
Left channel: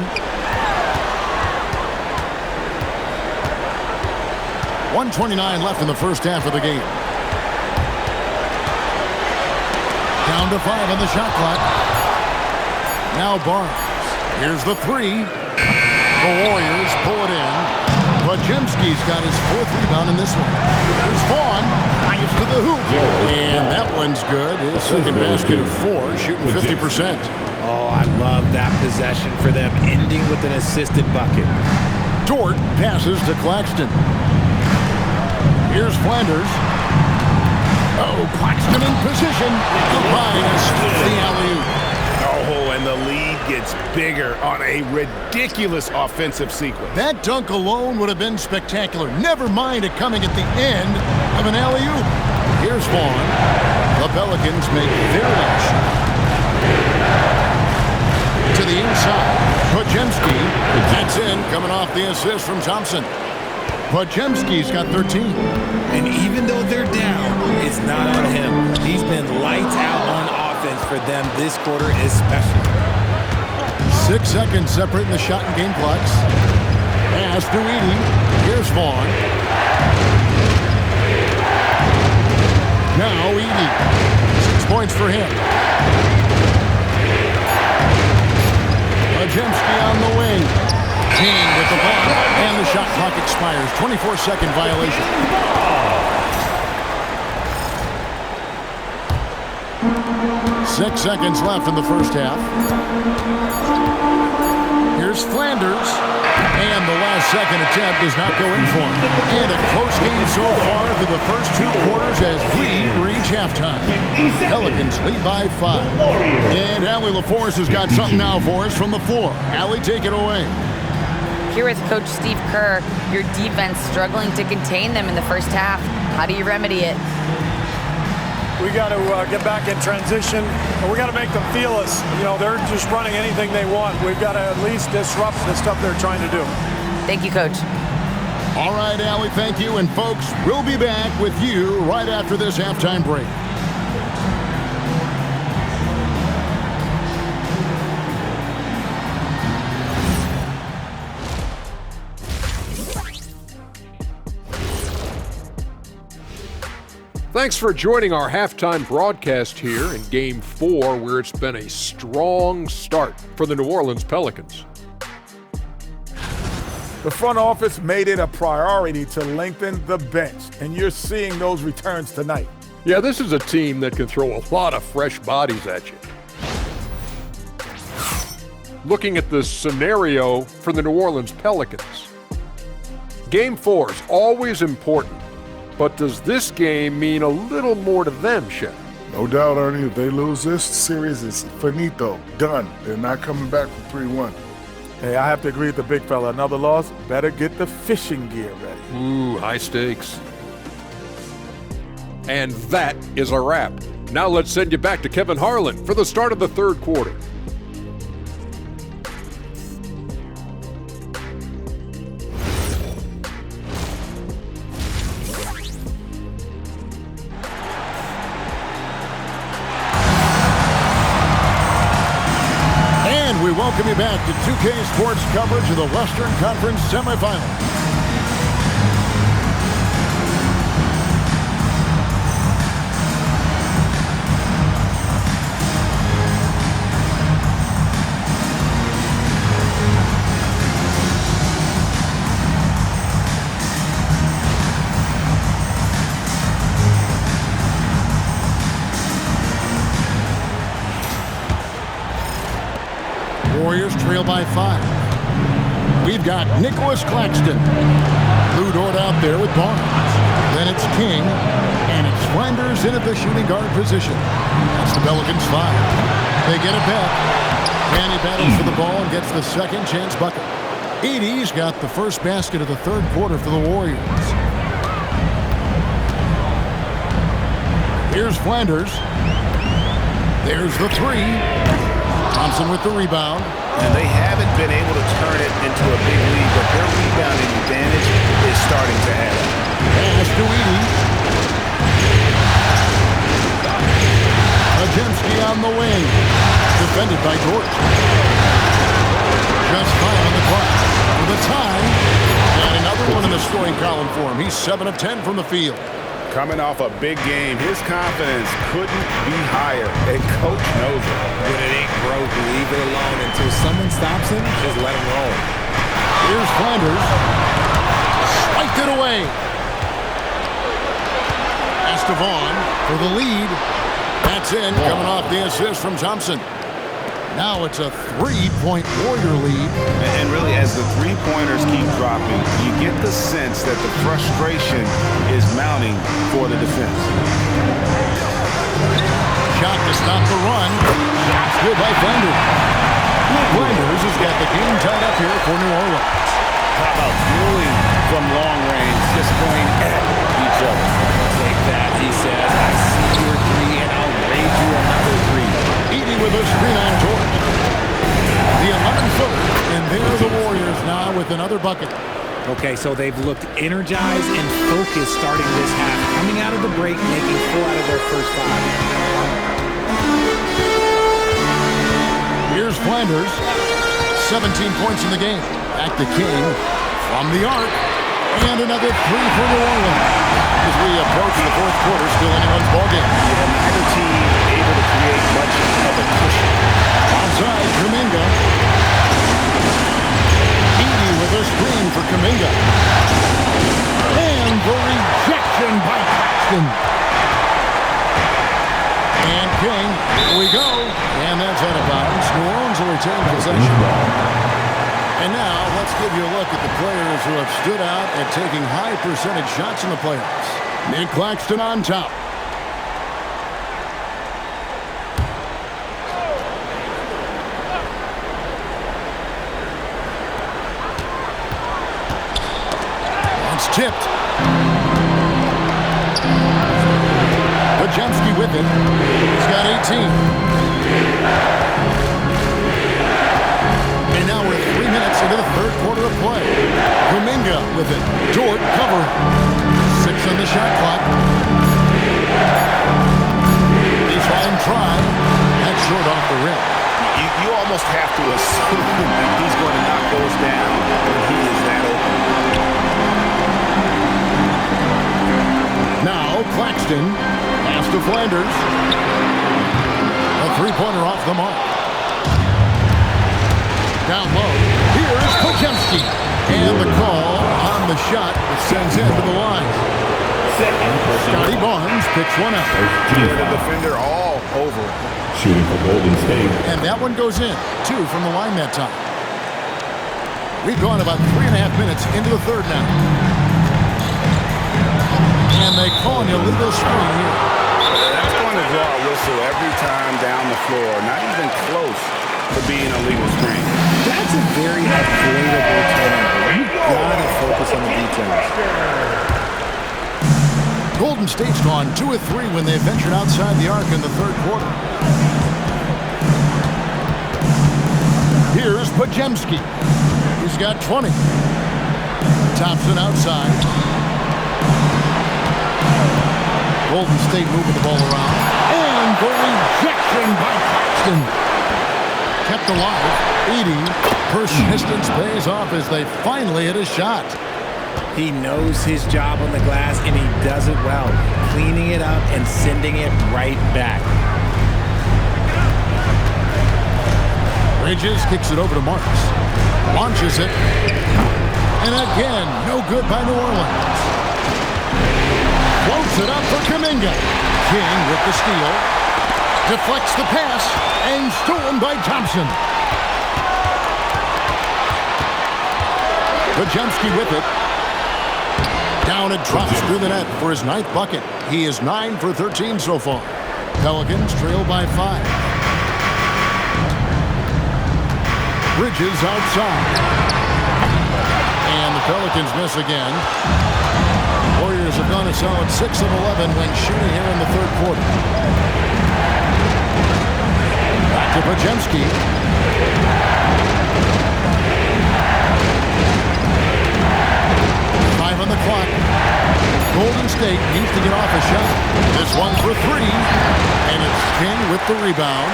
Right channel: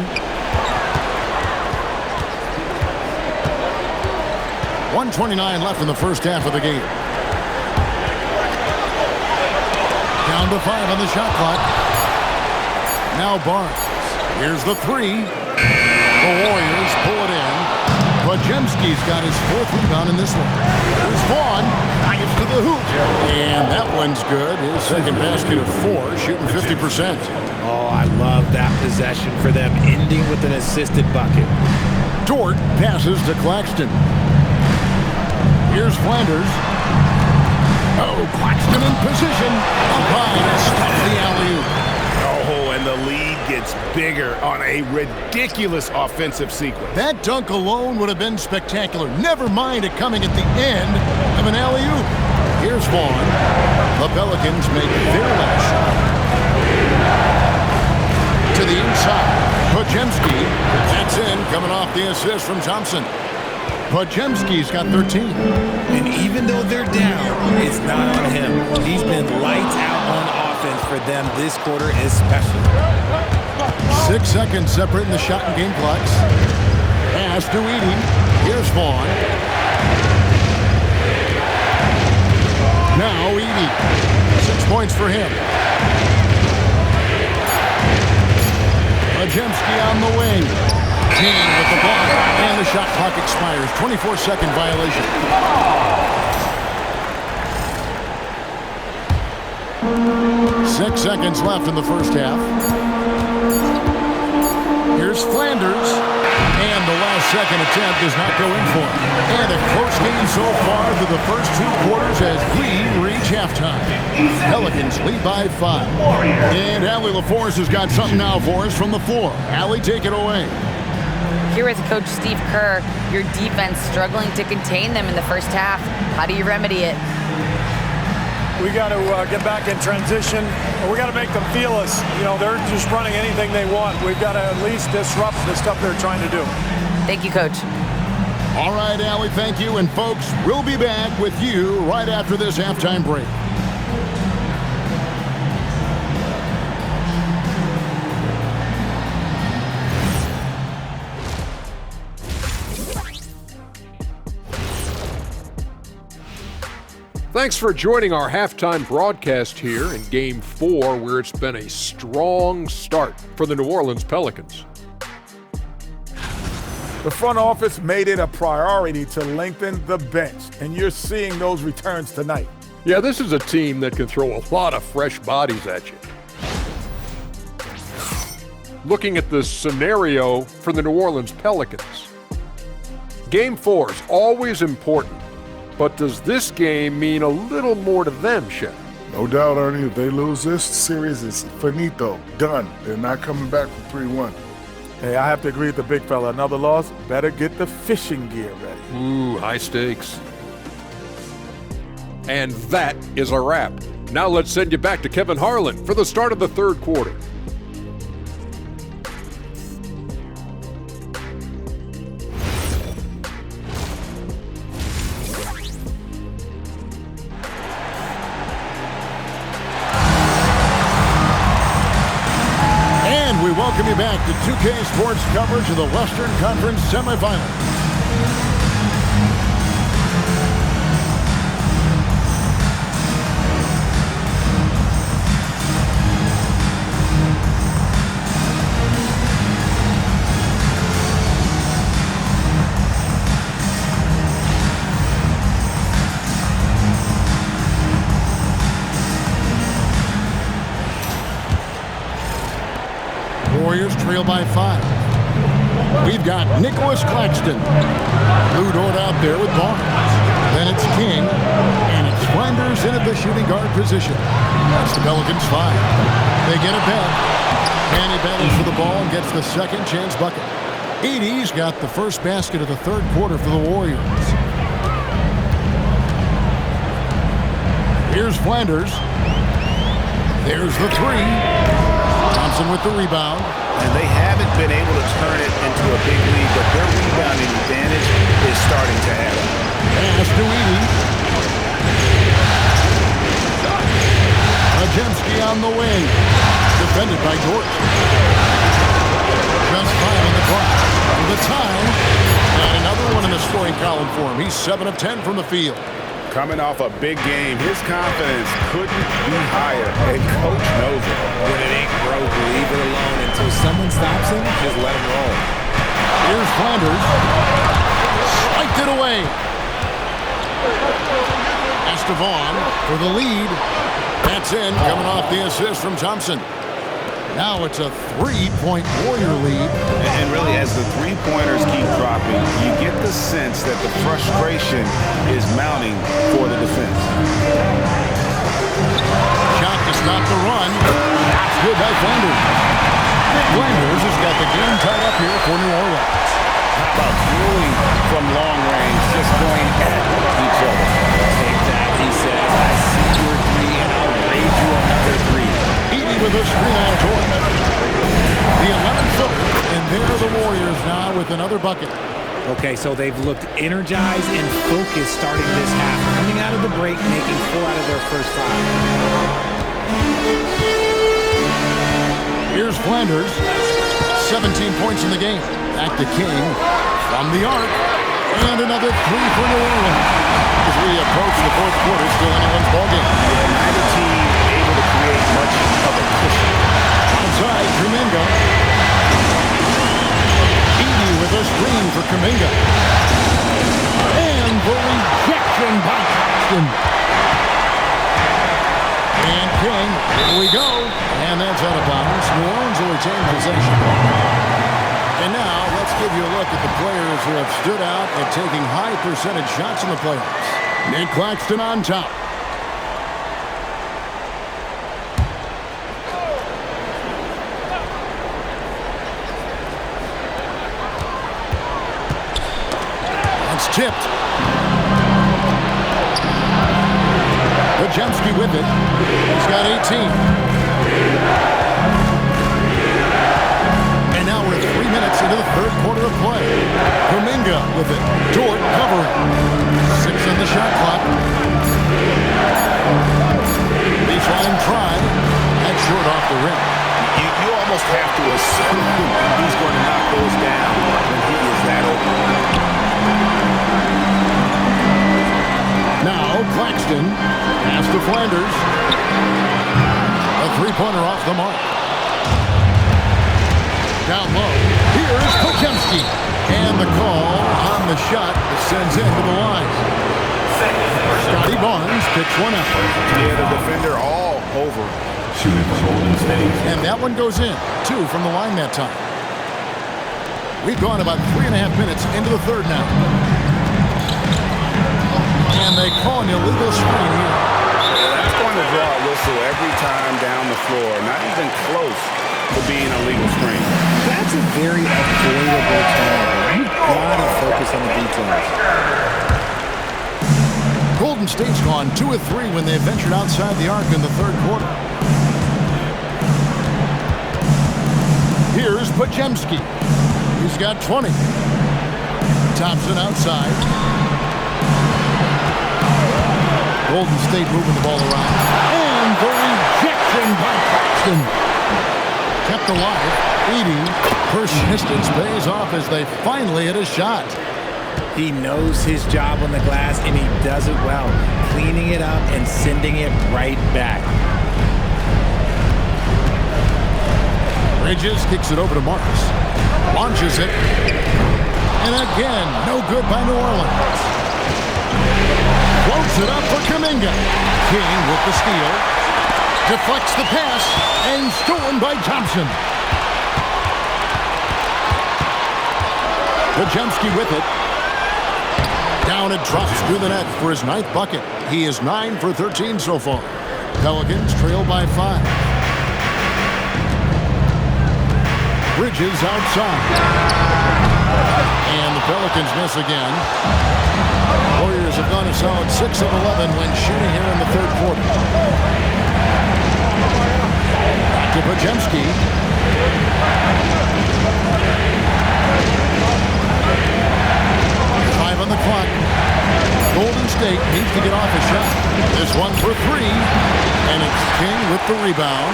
1:29 left in the first half of the game. Down to 5 on the shot clock. Now Barnes. Here's the 3. The Warriors pull it in. Podziemski's got his 4th rebound in this one. There's Vaughn. Nice to the hoop. And that one's good. His 2nd basket of 4, shooting 50%. Oh, I love that possession for them, ending with an assisted bucket. Dort passes to Claxton. Here's Flanders. Oh, Claxton in position. Up high to stop the alley-oop. Oh, and the lead gets bigger on a ridiculous offensive sequence. That dunk alone would have been spectacular. Never mind it coming at the end of an alley-oop. Here's Vaughn. The Pelicans make their last shot. To the inside. Podziemski. That's in, coming off the assist from Thompson. Podziemski's got 13. And even though they're down, it's not on him. He's been lights out on offense for them this quarter especially. 6 seconds separating the shot and game clocks. Pass to Edey. Here's Vaughn. Now Edey. 6 points for him. Podziemski on the wing. King with the block, and the shot clock expires. 24-second violation. 6 seconds left in the first half. Here's Flanders. And the last second attempt does not go in for him. And a close game so far through the first 2 quarters as we reach halftime. Pelicans lead by 5. And Allie LaForce has got something now for us from the floor. Allie, take it away. Here with Coach Steve Kerr, your defense struggling to contain them in the first half. How do you remedy it? We got to get back in transition, and we got to make them feel us. You know, they're just running anything they want. We've got to at least disrupt the stuff they're trying to do. Thank you, Coach. All right, Allie, thank you. And folks, we'll be back with you right after this halftime break. Thanks for joining our halftime broadcast here in Game 4, where it's been a strong start for the New Orleans Pelicans. The front office made it a priority to lengthen the bench, and you're seeing those returns tonight. Yeah, this is a team that can throw a lot of fresh bodies at you. Looking at the scenario for the New Orleans Pelicans, Game 4 is always important. But does this game mean a little more to them, Shep? No doubt, Ernie. If they lose this series, it's finito. Done. They're not coming back from 3-1. Hey, I have to agree with the big fella. Another loss, better get the fishing gear ready. Ooh, high stakes. And that is a wrap. Now let's send you back to Kevin Harlan for the start of the third quarter. welcome you back to 2K Sports coverage of the Western Conference semifinals. Warriors trail by 5. We've got Nicholas Claxton. Lou Dort out there with Barnes. Then it's King. And it's Flanders in at the shooting guard position. That's the Pelicans 5. They get it back. And he battles for the ball and gets the second chance bucket. Edey's got the first basket of the third quarter for the Warriors. Here's Flanders. There's the three. Thompson with the rebound. And they haven't been able to turn it into a big lead, but their rebounding advantage is starting to add up. Pass to Edey. Ajemski on the wing. Defended by Dort. Just 5 on the clock. For the tie. And another one in the scoring column for him. He's 7 of 10 from the field. Coming off a big game, his confidence couldn't be higher, and Coach knows it. When it ain't broke, leave it alone until someone stops him. Just let him roll. Here's Flanders. Spiked it away. Estevan for the lead. That's in, coming off the assist from Thompson. Now it's a 3-point Warrior lead. And really, as the three-pointers keep dropping, you get the sense that the frustration is mounting for the defense. Shot to stop the run. Shot's good by Flanders. Flanders has got the game tied up here for New Orleans. How about dueling from long range, just going at each other? Take that, he says. I see your three, and I'll raise you another three. Edey with a screen on George. The 11-footer, and there are the Warriors now with another bucket. Okay, so they've looked energized and focused starting this half, coming out of the break, making 4 out of their first 5. Here's Flanders. 17 points in the game. Back to King from the arc. And another 3 for New Orleans. As we approach the fourth quarter, still anyone's ballgame. Yeah, neither team able to create much of a cushion. Outside, Kuminga. Edey with a screen for Kuminga. And the rejection by Claxton. And King, here we go. And that's out of bounds. New Orleans will retain possession. And now, let's give you a look at the players who have stood out at taking high percentage shots in the playoffs. Nick Claxton on top. That's tipped. Ajemski with it. He's got 18. And now we're 3 minutes into the third quarter of play. Kuminga with it. Dort covering. 6 on the shot clock. Baseline try. That's short off the rim. You almost have to assume he's going to knock those down when he is that open. Now Claxton. Pass to Flanders. A three-pointer off the mark. Down low. Here's Pajemski. And the call on the shot that sends him to the line. Scotty Barnes picks one up. Yeah, the defender all over. Shooting from Golden State. And that one goes in. 2 from the line that time. We've gone about 3.5 minutes into the third now. And they call an illegal screen here. That's going to draw a whistle every time down the floor. Not even close to being a legal screen. That's a very avoidable turnover. You gotta focus on the details. Golden State's gone 2 of 3 when they ventured outside the arc in the third quarter. Here's Pajemski. He's got 20. Thompson outside. Golden State moving the ball around. And the rejection by Claxton. Kept alive. Edey. Persistence pays off as they finally hit a shot. He knows his job on the glass, and he does it well, cleaning it up and sending it right back. Bridges kicks it over to Marks. Launches it. And again, no good by New Orleans. Floats it up for Kuminga. King with the steal. Deflects the pass and stolen by Thompson. Podziemski with it. Down it drops through the net for his 9th bucket. He is 9 for 13 so far. Pelicans trail by 5. Bridges outside. And the Pelicans miss again. Warriors have gone a solid 6 of 11 when shooting here in the 3rd quarter. Back to Podziemski. On the clock. Golden State needs to get off a shot. This one for 3. And it's King with the rebound.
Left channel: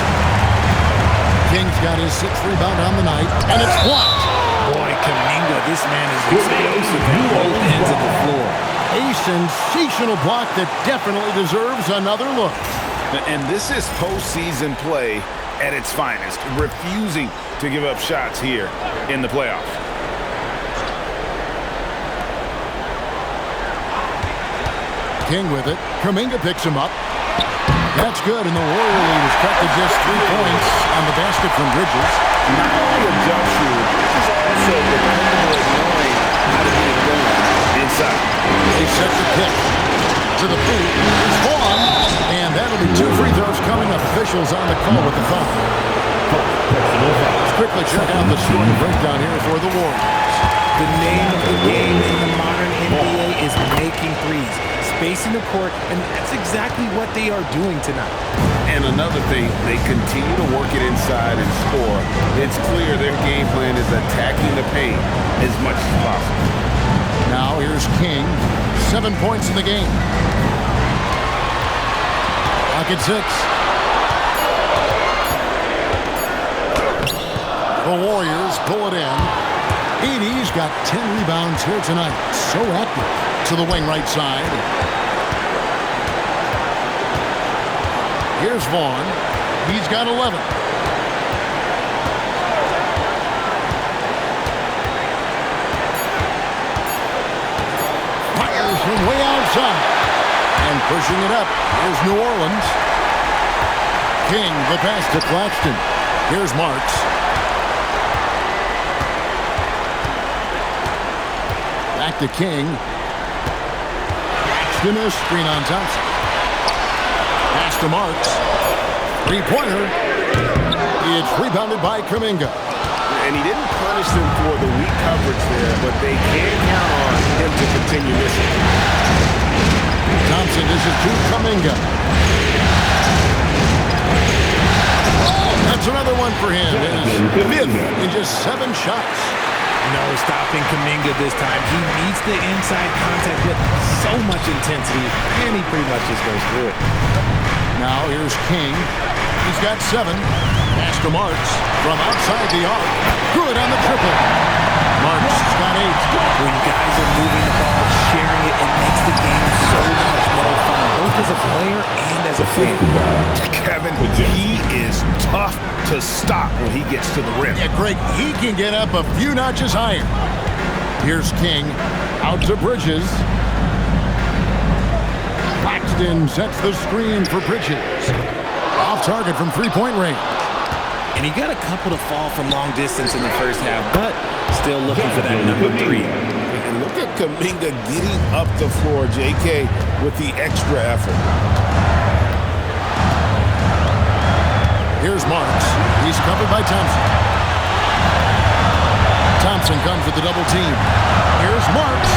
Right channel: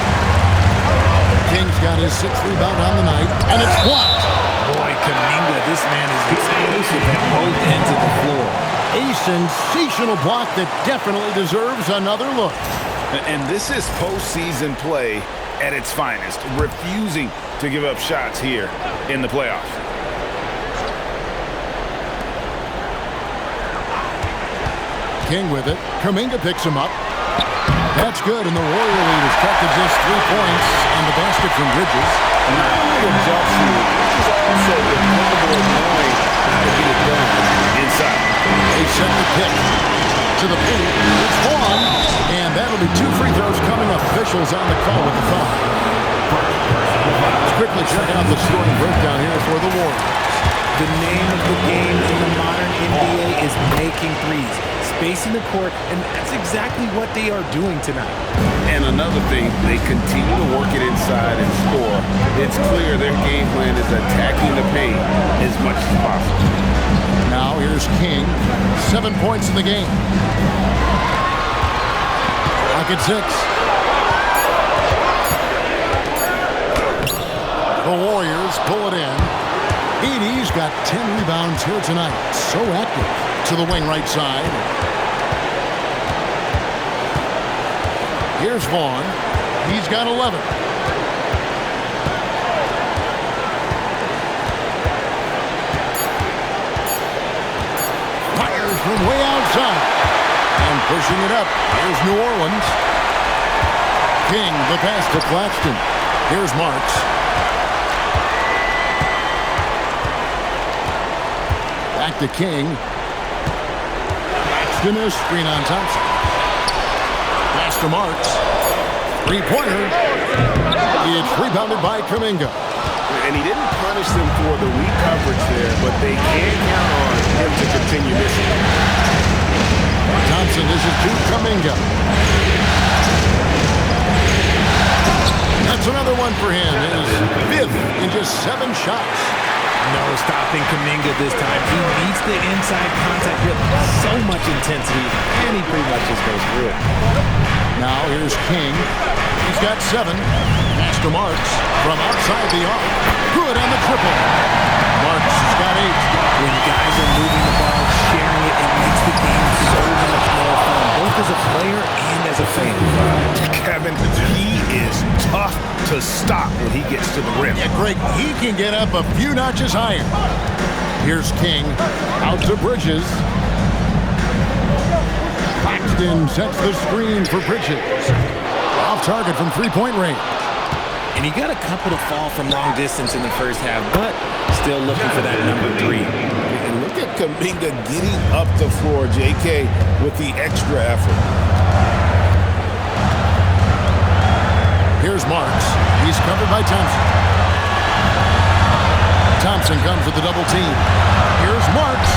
King's got his 6th rebound on the night. And it's blocked. Boy, Kuminga, this man is explosive at both ends of the floor. A sensational block that definitely deserves another look. And this is postseason play at its finest. Refusing to give up shots here in the playoffs. King with it. Kuminga picks him up. That's good, and the Warrior lead is cut to just 3 points on the basket from Bridges. Not only a jump shooter, Bridges also dependable at knowing how to get it done inside. They set the pick. To the paint is Vaughn, and that'll be 2 free throws coming up. Officials on the call with the foul. Let's quickly check out the scoring breakdown here for the Warriors. The name of the game in the modern NBA is making threes. Spacing the court, and that's exactly what they are doing tonight. And another thing, they continue to work it inside and score. It's clear their game plan is attacking the paint as much as possible. Now here's King. 7 points in the game. Clock at 6. The Warriors pull it in. Edey's got 10 rebounds here tonight. So active. To the wing right side. Here's Vaughn. He's got 11. Fires from way outside. And pushing it up. Here's New Orleans. King, the pass to Claxton. Here's Marks. Back to King. Claxton a screen on Thompson. Pass to Marks. 3-pointer. It's rebounded by Kuminga. And he didn't punish them for the weak coverage there, but they can count on him to continue missing. Thompson dishes to Kuminga. That's another one for him. His 5th in just 7 shots. No stopping Kuminga this time. He meets the inside contact with so much intensity, and he pretty much just goes through it. Now here's King. He's got 7. Pass to Marks from outside the arc. Good on the triple. Marks has got 8. When guys are moving the ball, sharing it, it makes the game so much more fun, both as a player and as a fan. Kevin, he is tough to stop when he gets to the rim. Yeah, Greg, he can get up a few notches higher. Here's King. Out to Bridges. Claxton sets the screen for Bridges. Off target from 3-point range. And he got a couple to fall from long distance in the first half, but still looking for that number 3. And look at Kuminga getting up the floor, JK, with the extra effort. Here's Marks. He's covered by Thompson. Thompson comes with the double team. Here's Marks.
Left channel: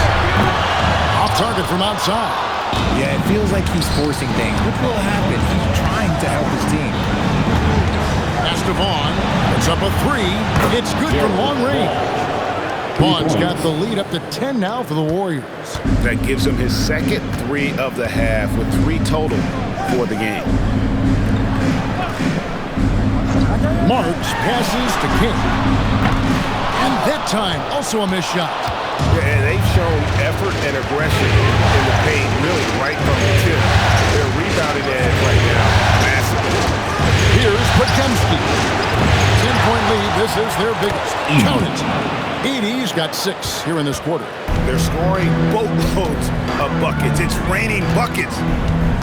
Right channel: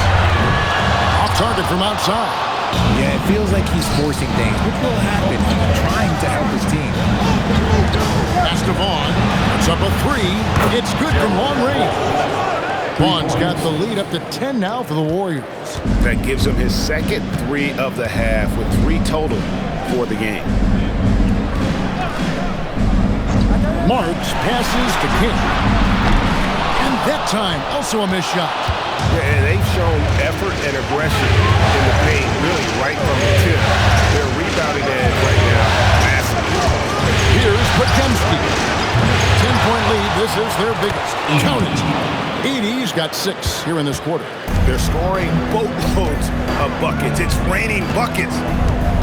Off target from outside. Yeah, it feels like he's forcing things, which will happen. He's trying to help his team. Pass to Vaughn. Puts up a 3. It's good from long range. Vaughn's got the lead up to 10 now for the Warriors. That gives him his second 3 of the half with 3 total for the game. Marks passes to King. And that time, also a missed shot. Yeah, they've shown effort and aggression in the paint, really right from the tip. Their rebounding edge right now, massive. Here's Podziemski. 10-point lead. This is their biggest. Count it. Edey's got 6 here in this quarter. They're scoring boatloads of buckets. It's raining buckets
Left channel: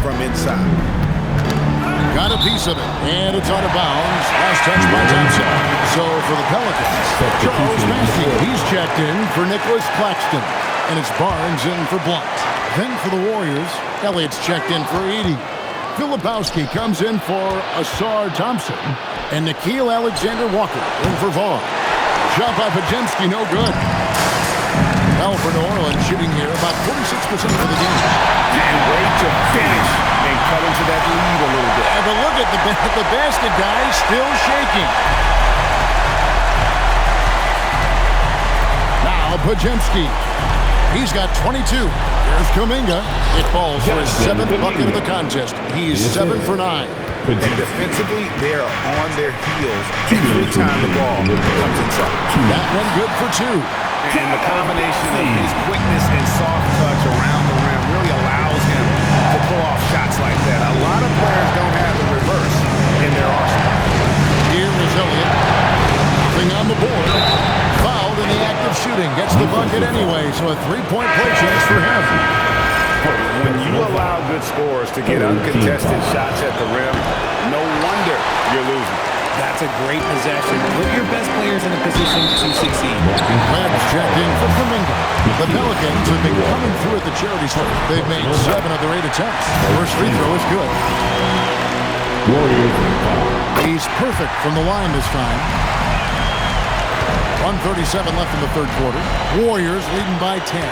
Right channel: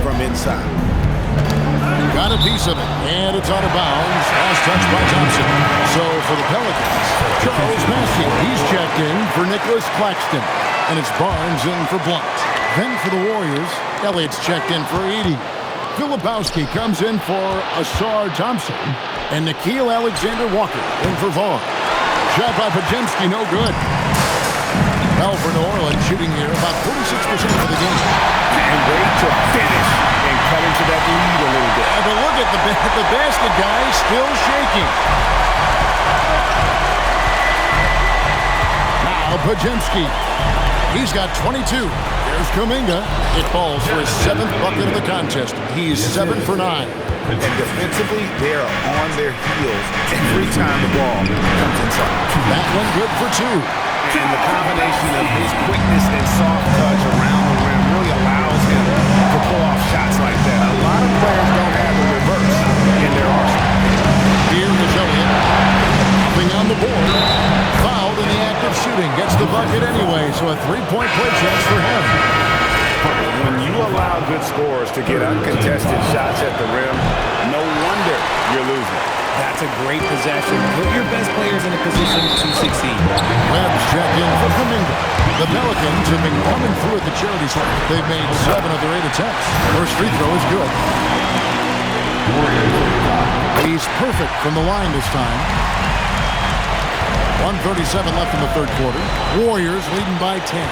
from inside. Got a piece of it, and it's out of bounds. Last touch by Thompson. So for the Pelicans, Charles Massey. He's checked in for Nicholas Claxton. And it's Barnes in for Blunt. Then for the Warriors, Elliott's checked in for Edey. Filipowski comes in for Asar Thompson. And Nickeil Alexander-Walker in for Vaughn. Shot by Podziemski, no good. Well, for New Orleans, shooting here about 46% for the game. And wait to finish and cut into that lead a little bit. But look at the basket, guys, still shaking. Now Podziemski. He's got 22. There's Kuminga. It falls for his 7th bucket of the contest. He's 7 for 9. And defensively, they are on their heels every time the ball comes inside. That one good for 2. And the combination of his quickness and soft touch around the rim really allows him to pull off shots like that. A lot of players don't have the reverse in their arsenal. Here is Elliott. Nothing on the board. Fouled in the act of shooting. Gets the bucket anyway, so a 3-point play chance for him. When you allow good scorers to get uncontested shots at the rim, no wonder you're losing. That's a great possession. Put your best players in a position to succeed. Webb's checked in for Kuminga. The Pelicans have been coming through at the charity stripe. They've made 7 of their 8 attempts. First free throw is good. He's perfect from the line this time. 1:37 left in the third quarter. Warriors leading by 10.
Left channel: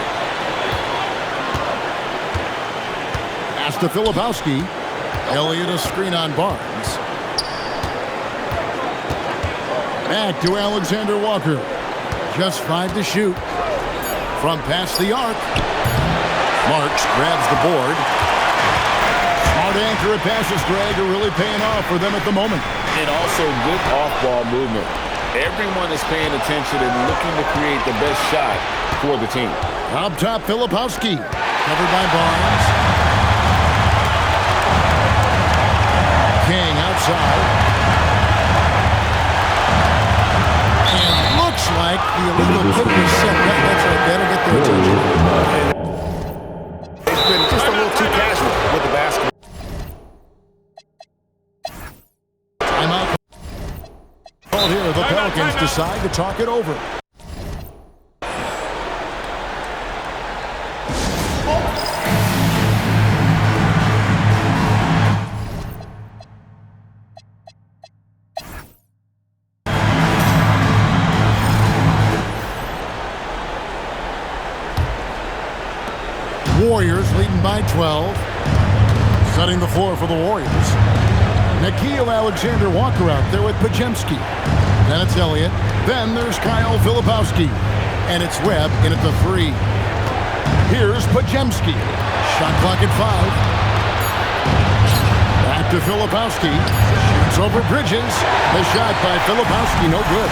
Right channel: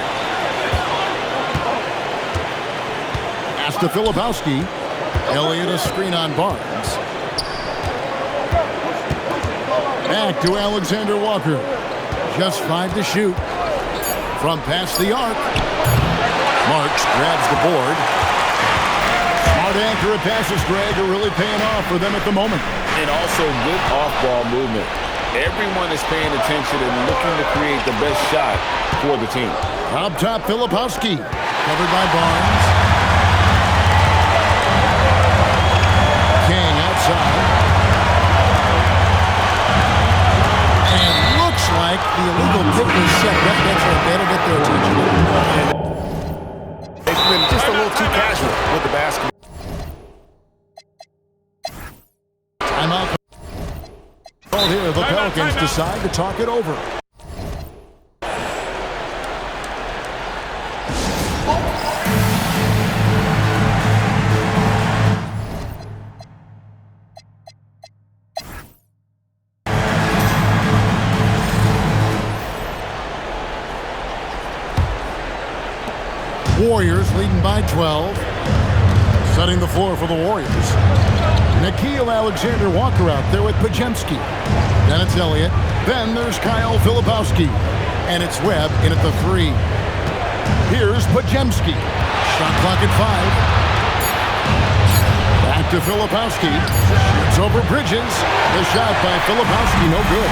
Pass to Filipowski. Elliott a screen on Barnes. Back to Alexander Walker. Just 5 to shoot. From past the arc. Marks grabs the board. Smart accurate passes, Greg, are really paying off for them at the moment. And also good off-ball movement. Everyone is paying attention and looking to create the best shot for the team. Up top, Filipowski. Covered by Barnes. King outside. And looks like the illegal kick was set. That's right. That'll get their attention. And it's been just a little too casual with the basketball. Timeout. Called here. The Pelicans decide to talk it over. Warriors leading by 12. Setting the floor for the Warriors. Nickeil Alexander-Walker out there with Podziemski. Then it's Elliott. Then there's Kyle Filipowski. And it's Webb in at the 3. Here's Podziemski. Shot clock at 5. Back to Filipowski. Shoots over Bridges. The shot by Filipowski, no good.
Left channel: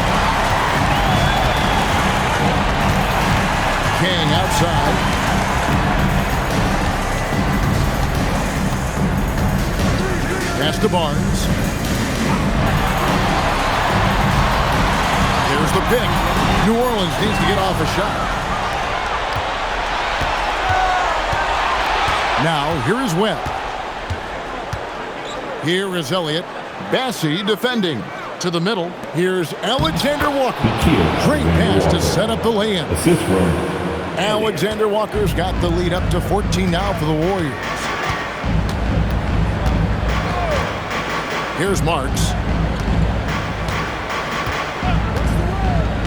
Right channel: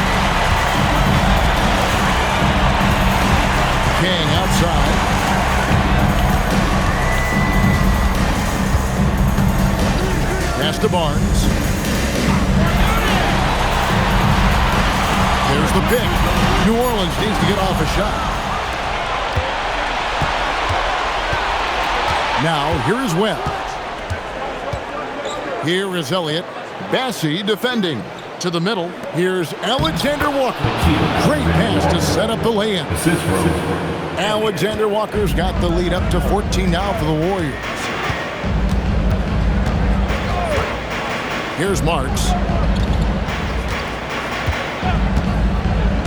King outside. Pass to Barnes. There's the pick. New Orleans needs to get off a shot. Now, here is Webb. Here is Elliott. Bassey defending. To the middle. Here's Alexander Walker. Great pass to set up the lay-in. Alexander Walker's got the lead up to 14 now for the Warriors. Here's Marks.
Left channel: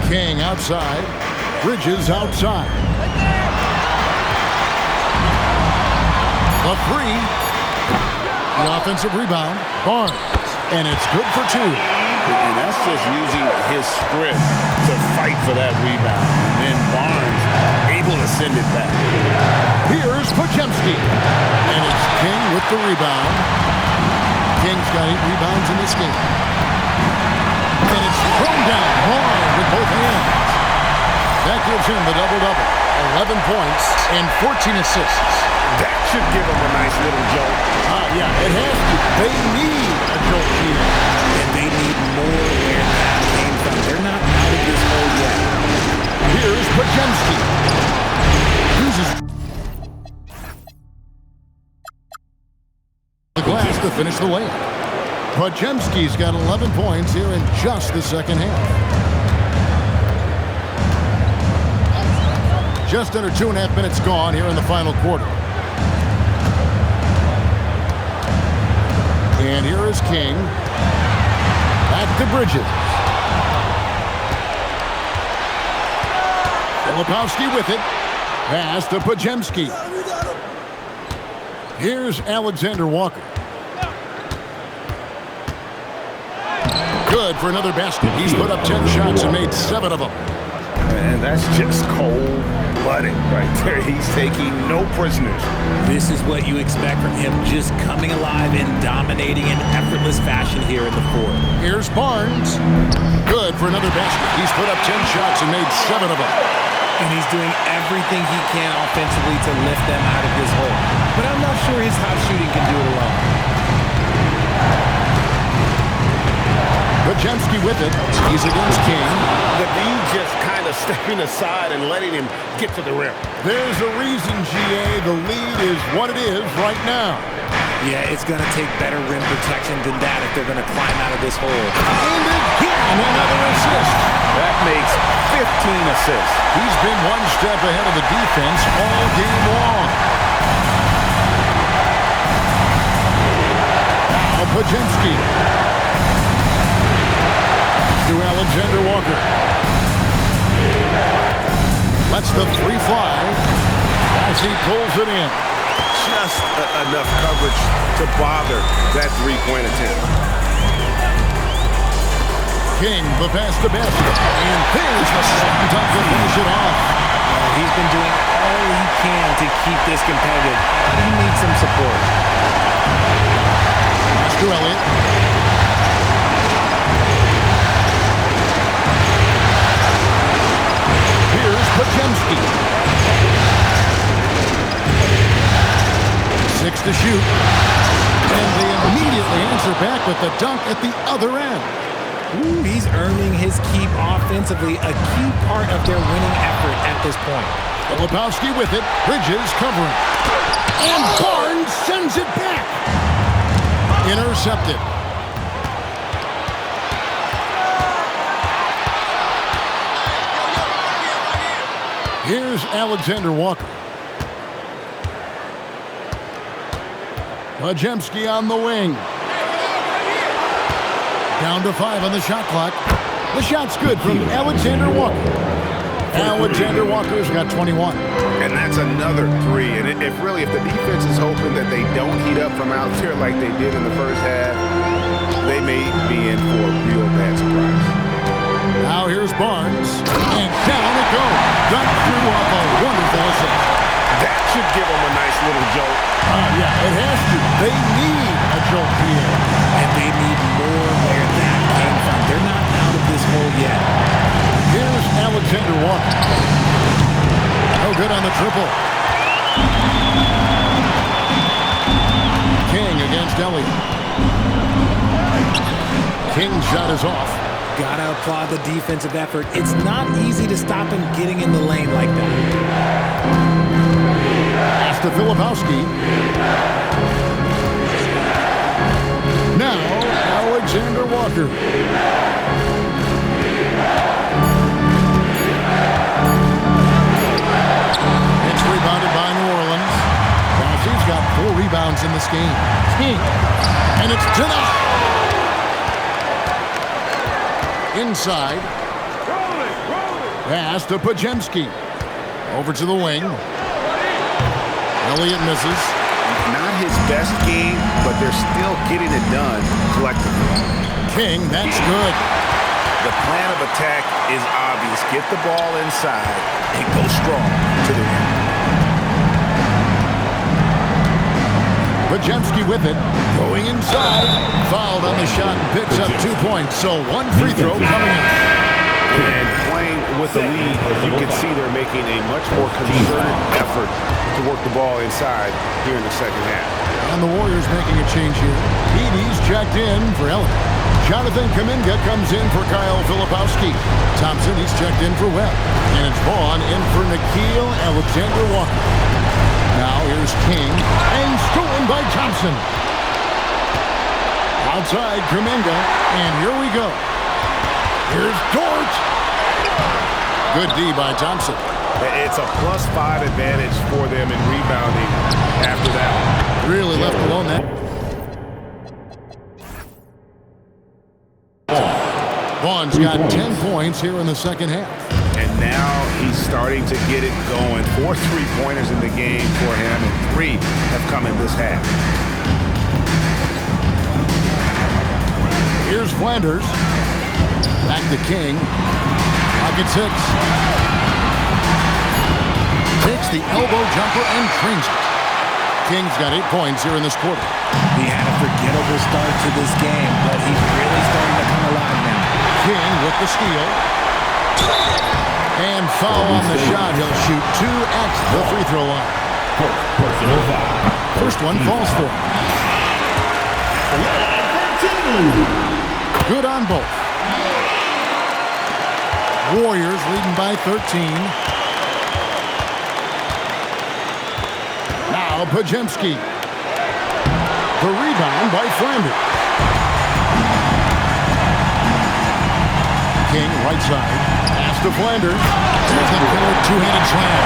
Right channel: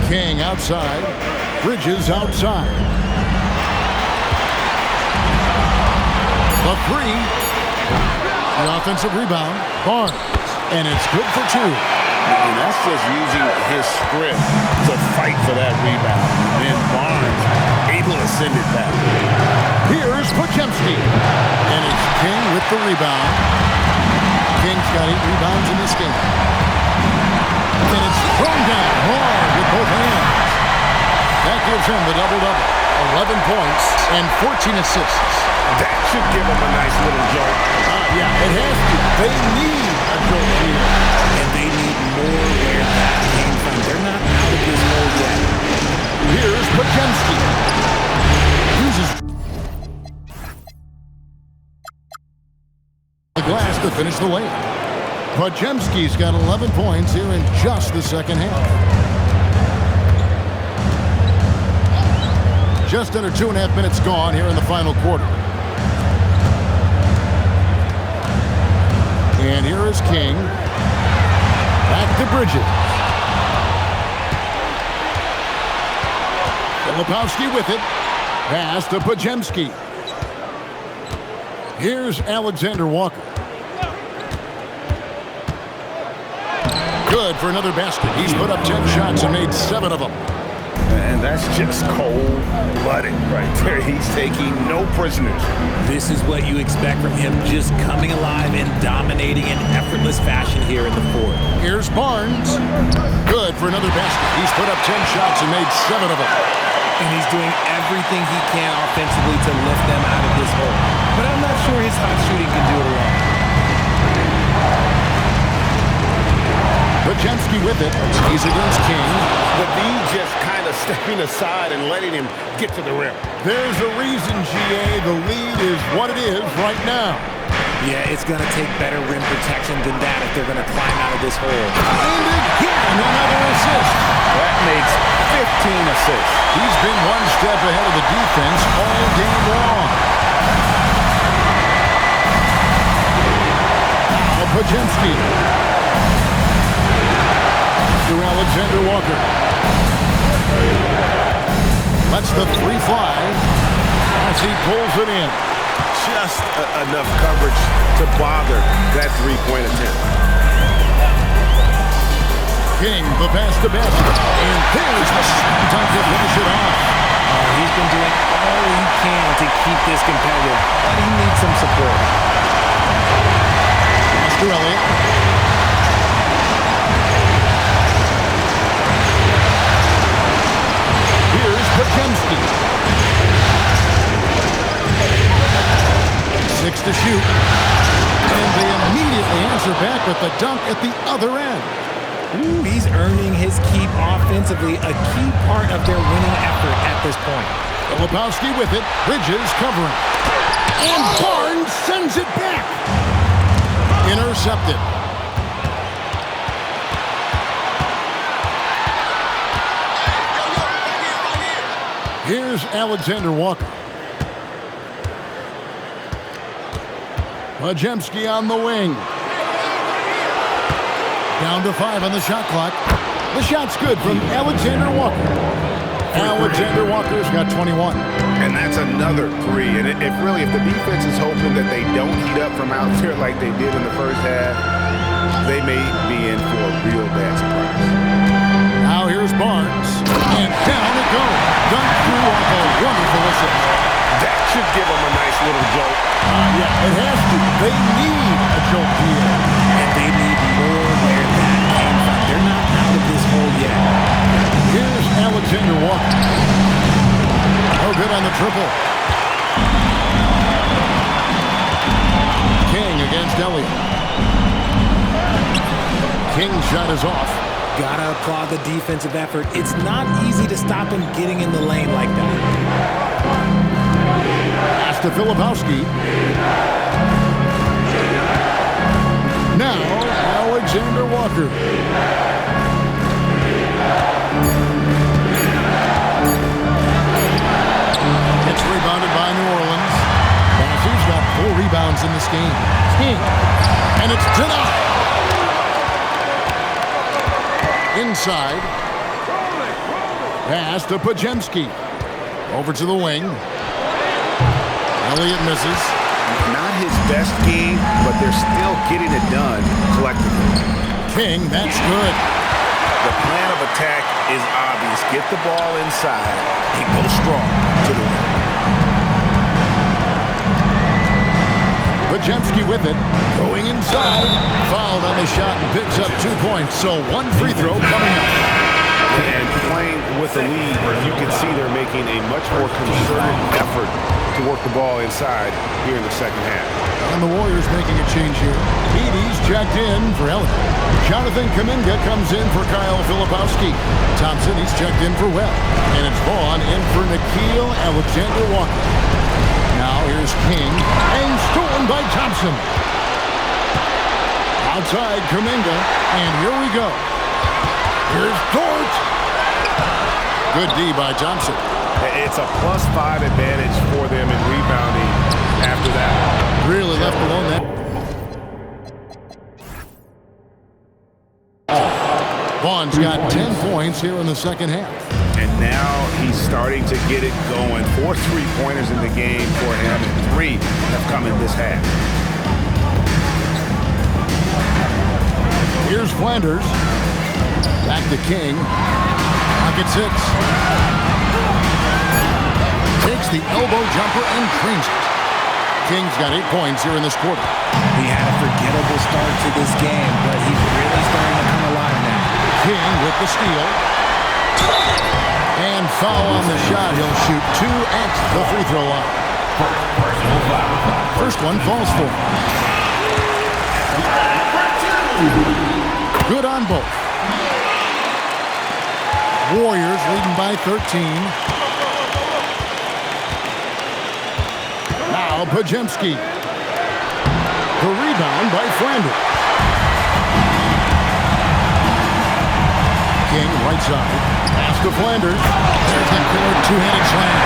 King outside. Bridges outside. The 3. The offensive rebound. Barnes. And it's good for 2. And that's just using his sprint to fight for that rebound. And then Barnes able to send it back. Here's Podziemski. And it's King with the rebound. King's got 8 rebounds in this game. And it's thrown down hard with both hands. That gives him the double-double. 11 points and 14 assists. That should give him a nice little jolt. Yeah, it has to. They need a jolt here. And they need more where that came from. They're not out of this hole yet. Here's Podziemski. Uses the glass to finish the layup. Podziemski's got 11 points here in just the second half. Just under 2.5 minutes gone here in the final quarter. And here is King. Back to Bridges. Filipowski with it. Pass to Podziemski. Here's Alexander Walker. Good for another basket. He's put up 10 shots and made 7 of them. And that's just cold-blooded right there. He's taking no prisoners. This is what you expect from him, just coming alive and dominating in effortless fashion here in the fourth. Here's Barnes. Good for another basket. He's put up 10 shots and made 7 of them. And he's doing everything he can offensively to lift them out of this hole. But I'm not sure his hot shooting can do it alone. Podziemski with it. He's against King. The D just kind of stepping aside and letting him get to the rim. There's a reason, GA. The lead is what it is right now. Yeah, it's going to take better rim protection than that if they're going to climb out of this hole. And again, another assist. That makes 15 assists. He's been one step ahead of the defense all game long. Now Podziemski. To Alexander Walker. Lets the three fly as he pulls it in. Just enough coverage to bother that three-point attempt. King, the pass to basket. And there's the slam dunk to finish it off. Oh, he's been doing all he can to keep this competitive, but he needs some support. Pass to Elliott. Here's Podziemski. 6 to shoot. And they immediately answer back with the dunk at the other end. Ooh, he's earning his keep offensively, a key part of their winning effort at this point. Filipowski with it. Bridges covering. And Barnes sends it back. Intercepted. Here's Alexander Walker. Podziemski on the wing. Down to 5 on the shot clock. The shot's good from Alexander Walker. Alexander Walker's got 21. And that's another 3. And if the defense is hoping that they don't heat up from out there like they did in the first half, they may be in for a real bad surprise. Now here's Barnes, and down it goes. Dunked through off a wonderful assist. That should give them a nice little jolt. Yeah, it has to. They need a jolt here. And they need more where that came from. They're not out of this hole yet. Here's Alexander Walker. No good on the triple. King against Elliott. King's shot is off. Gotta applaud the defensive effort. It's not easy to stop him getting in the lane like that. Pass to Filipowski. Now, Alexander Walker. It's rebounded by New Orleans. Bassey's got 4 rebounds in this game. King. And it's denied. Inside. Pass to Podziemski. Over to the wing. Elliott misses. Not his best game, but they're still getting it done collectively. King, that's good. The plan of attack is obvious. Get the ball inside and go strong to the rim. Podziemski with it. Going inside. Fouled on the shot and picks up 2 points. So one free throw coming up. And playing with the lead, you can see they're making a much more concerted effort to work the ball inside here in the second half. And the Warriors making a change here. Edey's checked in for Ellen. Jonathan Kuminga comes in for Kyle Filipowski. Thompson, he's checked in for Webb. And it's Vaughn in for Nickeil Alexander-Walker. Now here's King. And stolen by Thompson. Outside Kuminga. And here we go. Here's Dort. Good D by Thompson. It's a +5 advantage for them in rebounding after that. Really left alone that. Vaughn's got 10 points here in the second half. And now he's starting to get it going. 4 3-pointers in the game for him, and 3 have come in this half. Here's Flanders. Back to King. Pocket 6. Takes the elbow jumper and trains it. King's got 8 points here in this quarter. He had a forgettable start to this game, but he's really starting to come alive now. King with the steal. And foul on the shot. He'll shoot 2 at the free throw line. Personal foul. First one falls for him. Good on both. Warriors leading by 13. Now Podziemski. The rebound by Flanders. King right side. Pass to Flanders. There's the killer two-handed slam.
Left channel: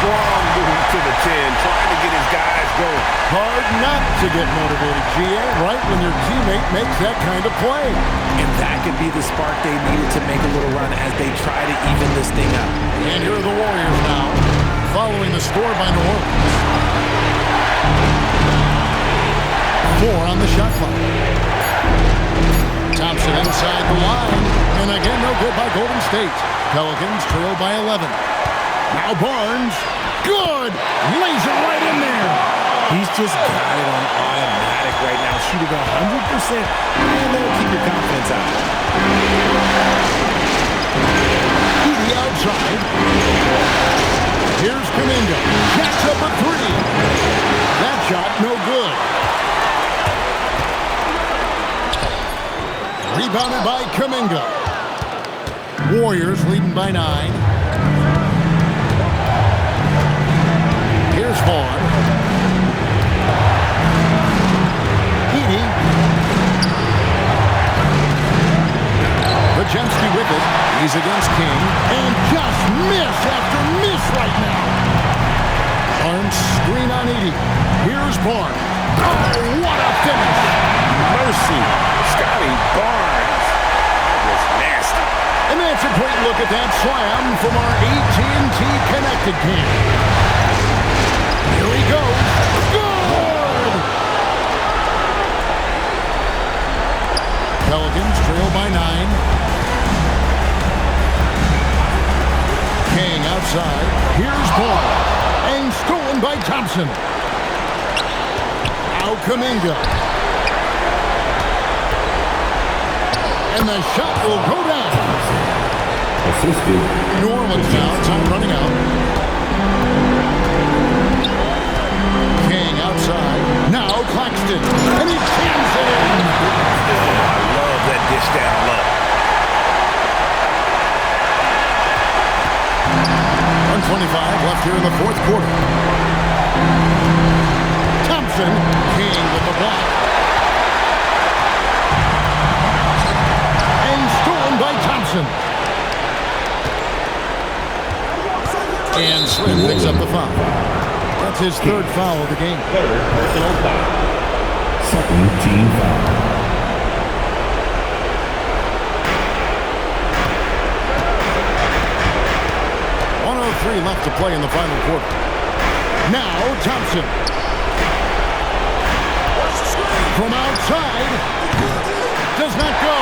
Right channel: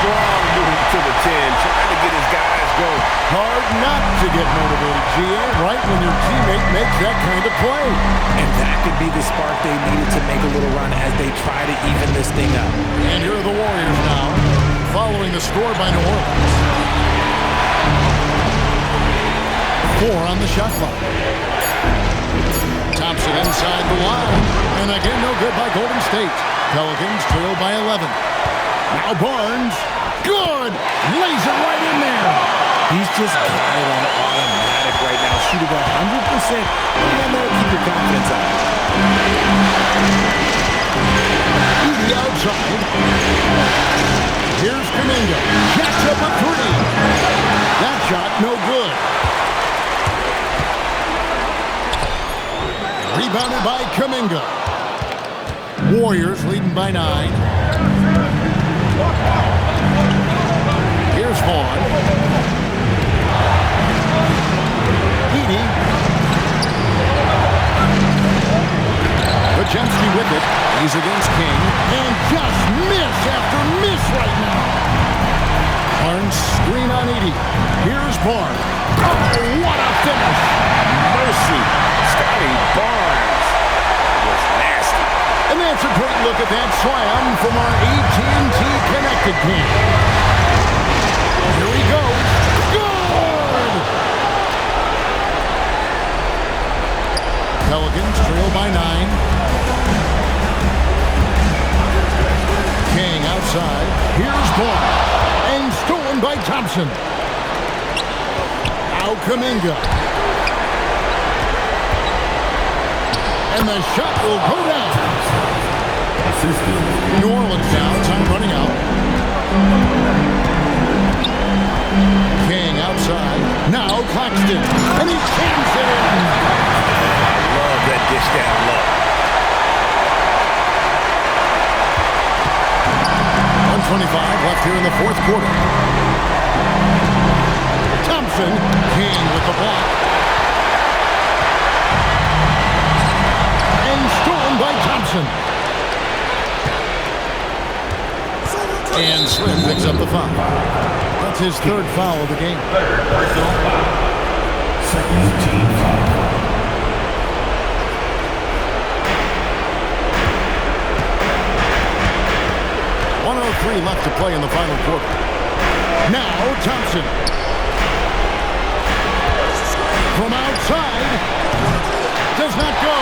Strong move to the 10, trying to get his guys going. Hard not to get motivated, GA, right when your teammate makes that kind of play. And that could be the spark they needed to make a little run as they try to even this thing up. And here are the Warriors now, following the score by New Orleans. 4 on the shot clock. Thompson inside the line, and again no good by Golden State. Pelicans trail by 11. Now Barnes, good, lays it right in there. He's just got it on automatic right now, shooting 100%, and that'll keep your confidence up. Edey outside. Here's Kuminga, jacks up a 3. That shot no good. Rebounded by Kuminga. Warriors leading by 9. Here's Vaughn. Edey. Podziemski with it. He's against King. And just miss after miss right now. Barnes screen on Edey. Here's Barnes. Oh, what a finish. Mercy. Scotty Barnes. That was nasty. And that's a great look at that slam from our AT&T Connected King. Here he goes. Good! Pelicans trail by 9. King outside. Here's Barnes. And stolen by Thompson. Now Kuminga. And the shot will go down. New Orleans now, time running out. King outside. Now Claxton. And he jams it in. Oh, I love that dish down low. 1:25 left here in the fourth quarter. Thompson. King with the block. And stolen by Thompson. And Slim picks up the foul. That's his 3rd foul of the game. 3rd personal foul. 2nd team foul. .103 left to play in the final quarter. Now Thompson. From outside. Does not go.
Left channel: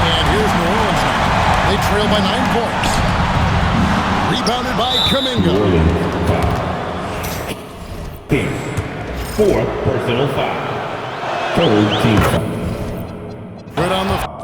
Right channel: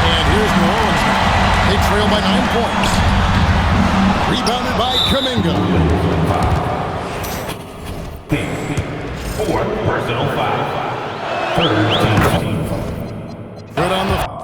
And here's New Orleans now. They trail by 9 points. Rebounded by Kuminga. fourth personal foul. Third team foul. Good on the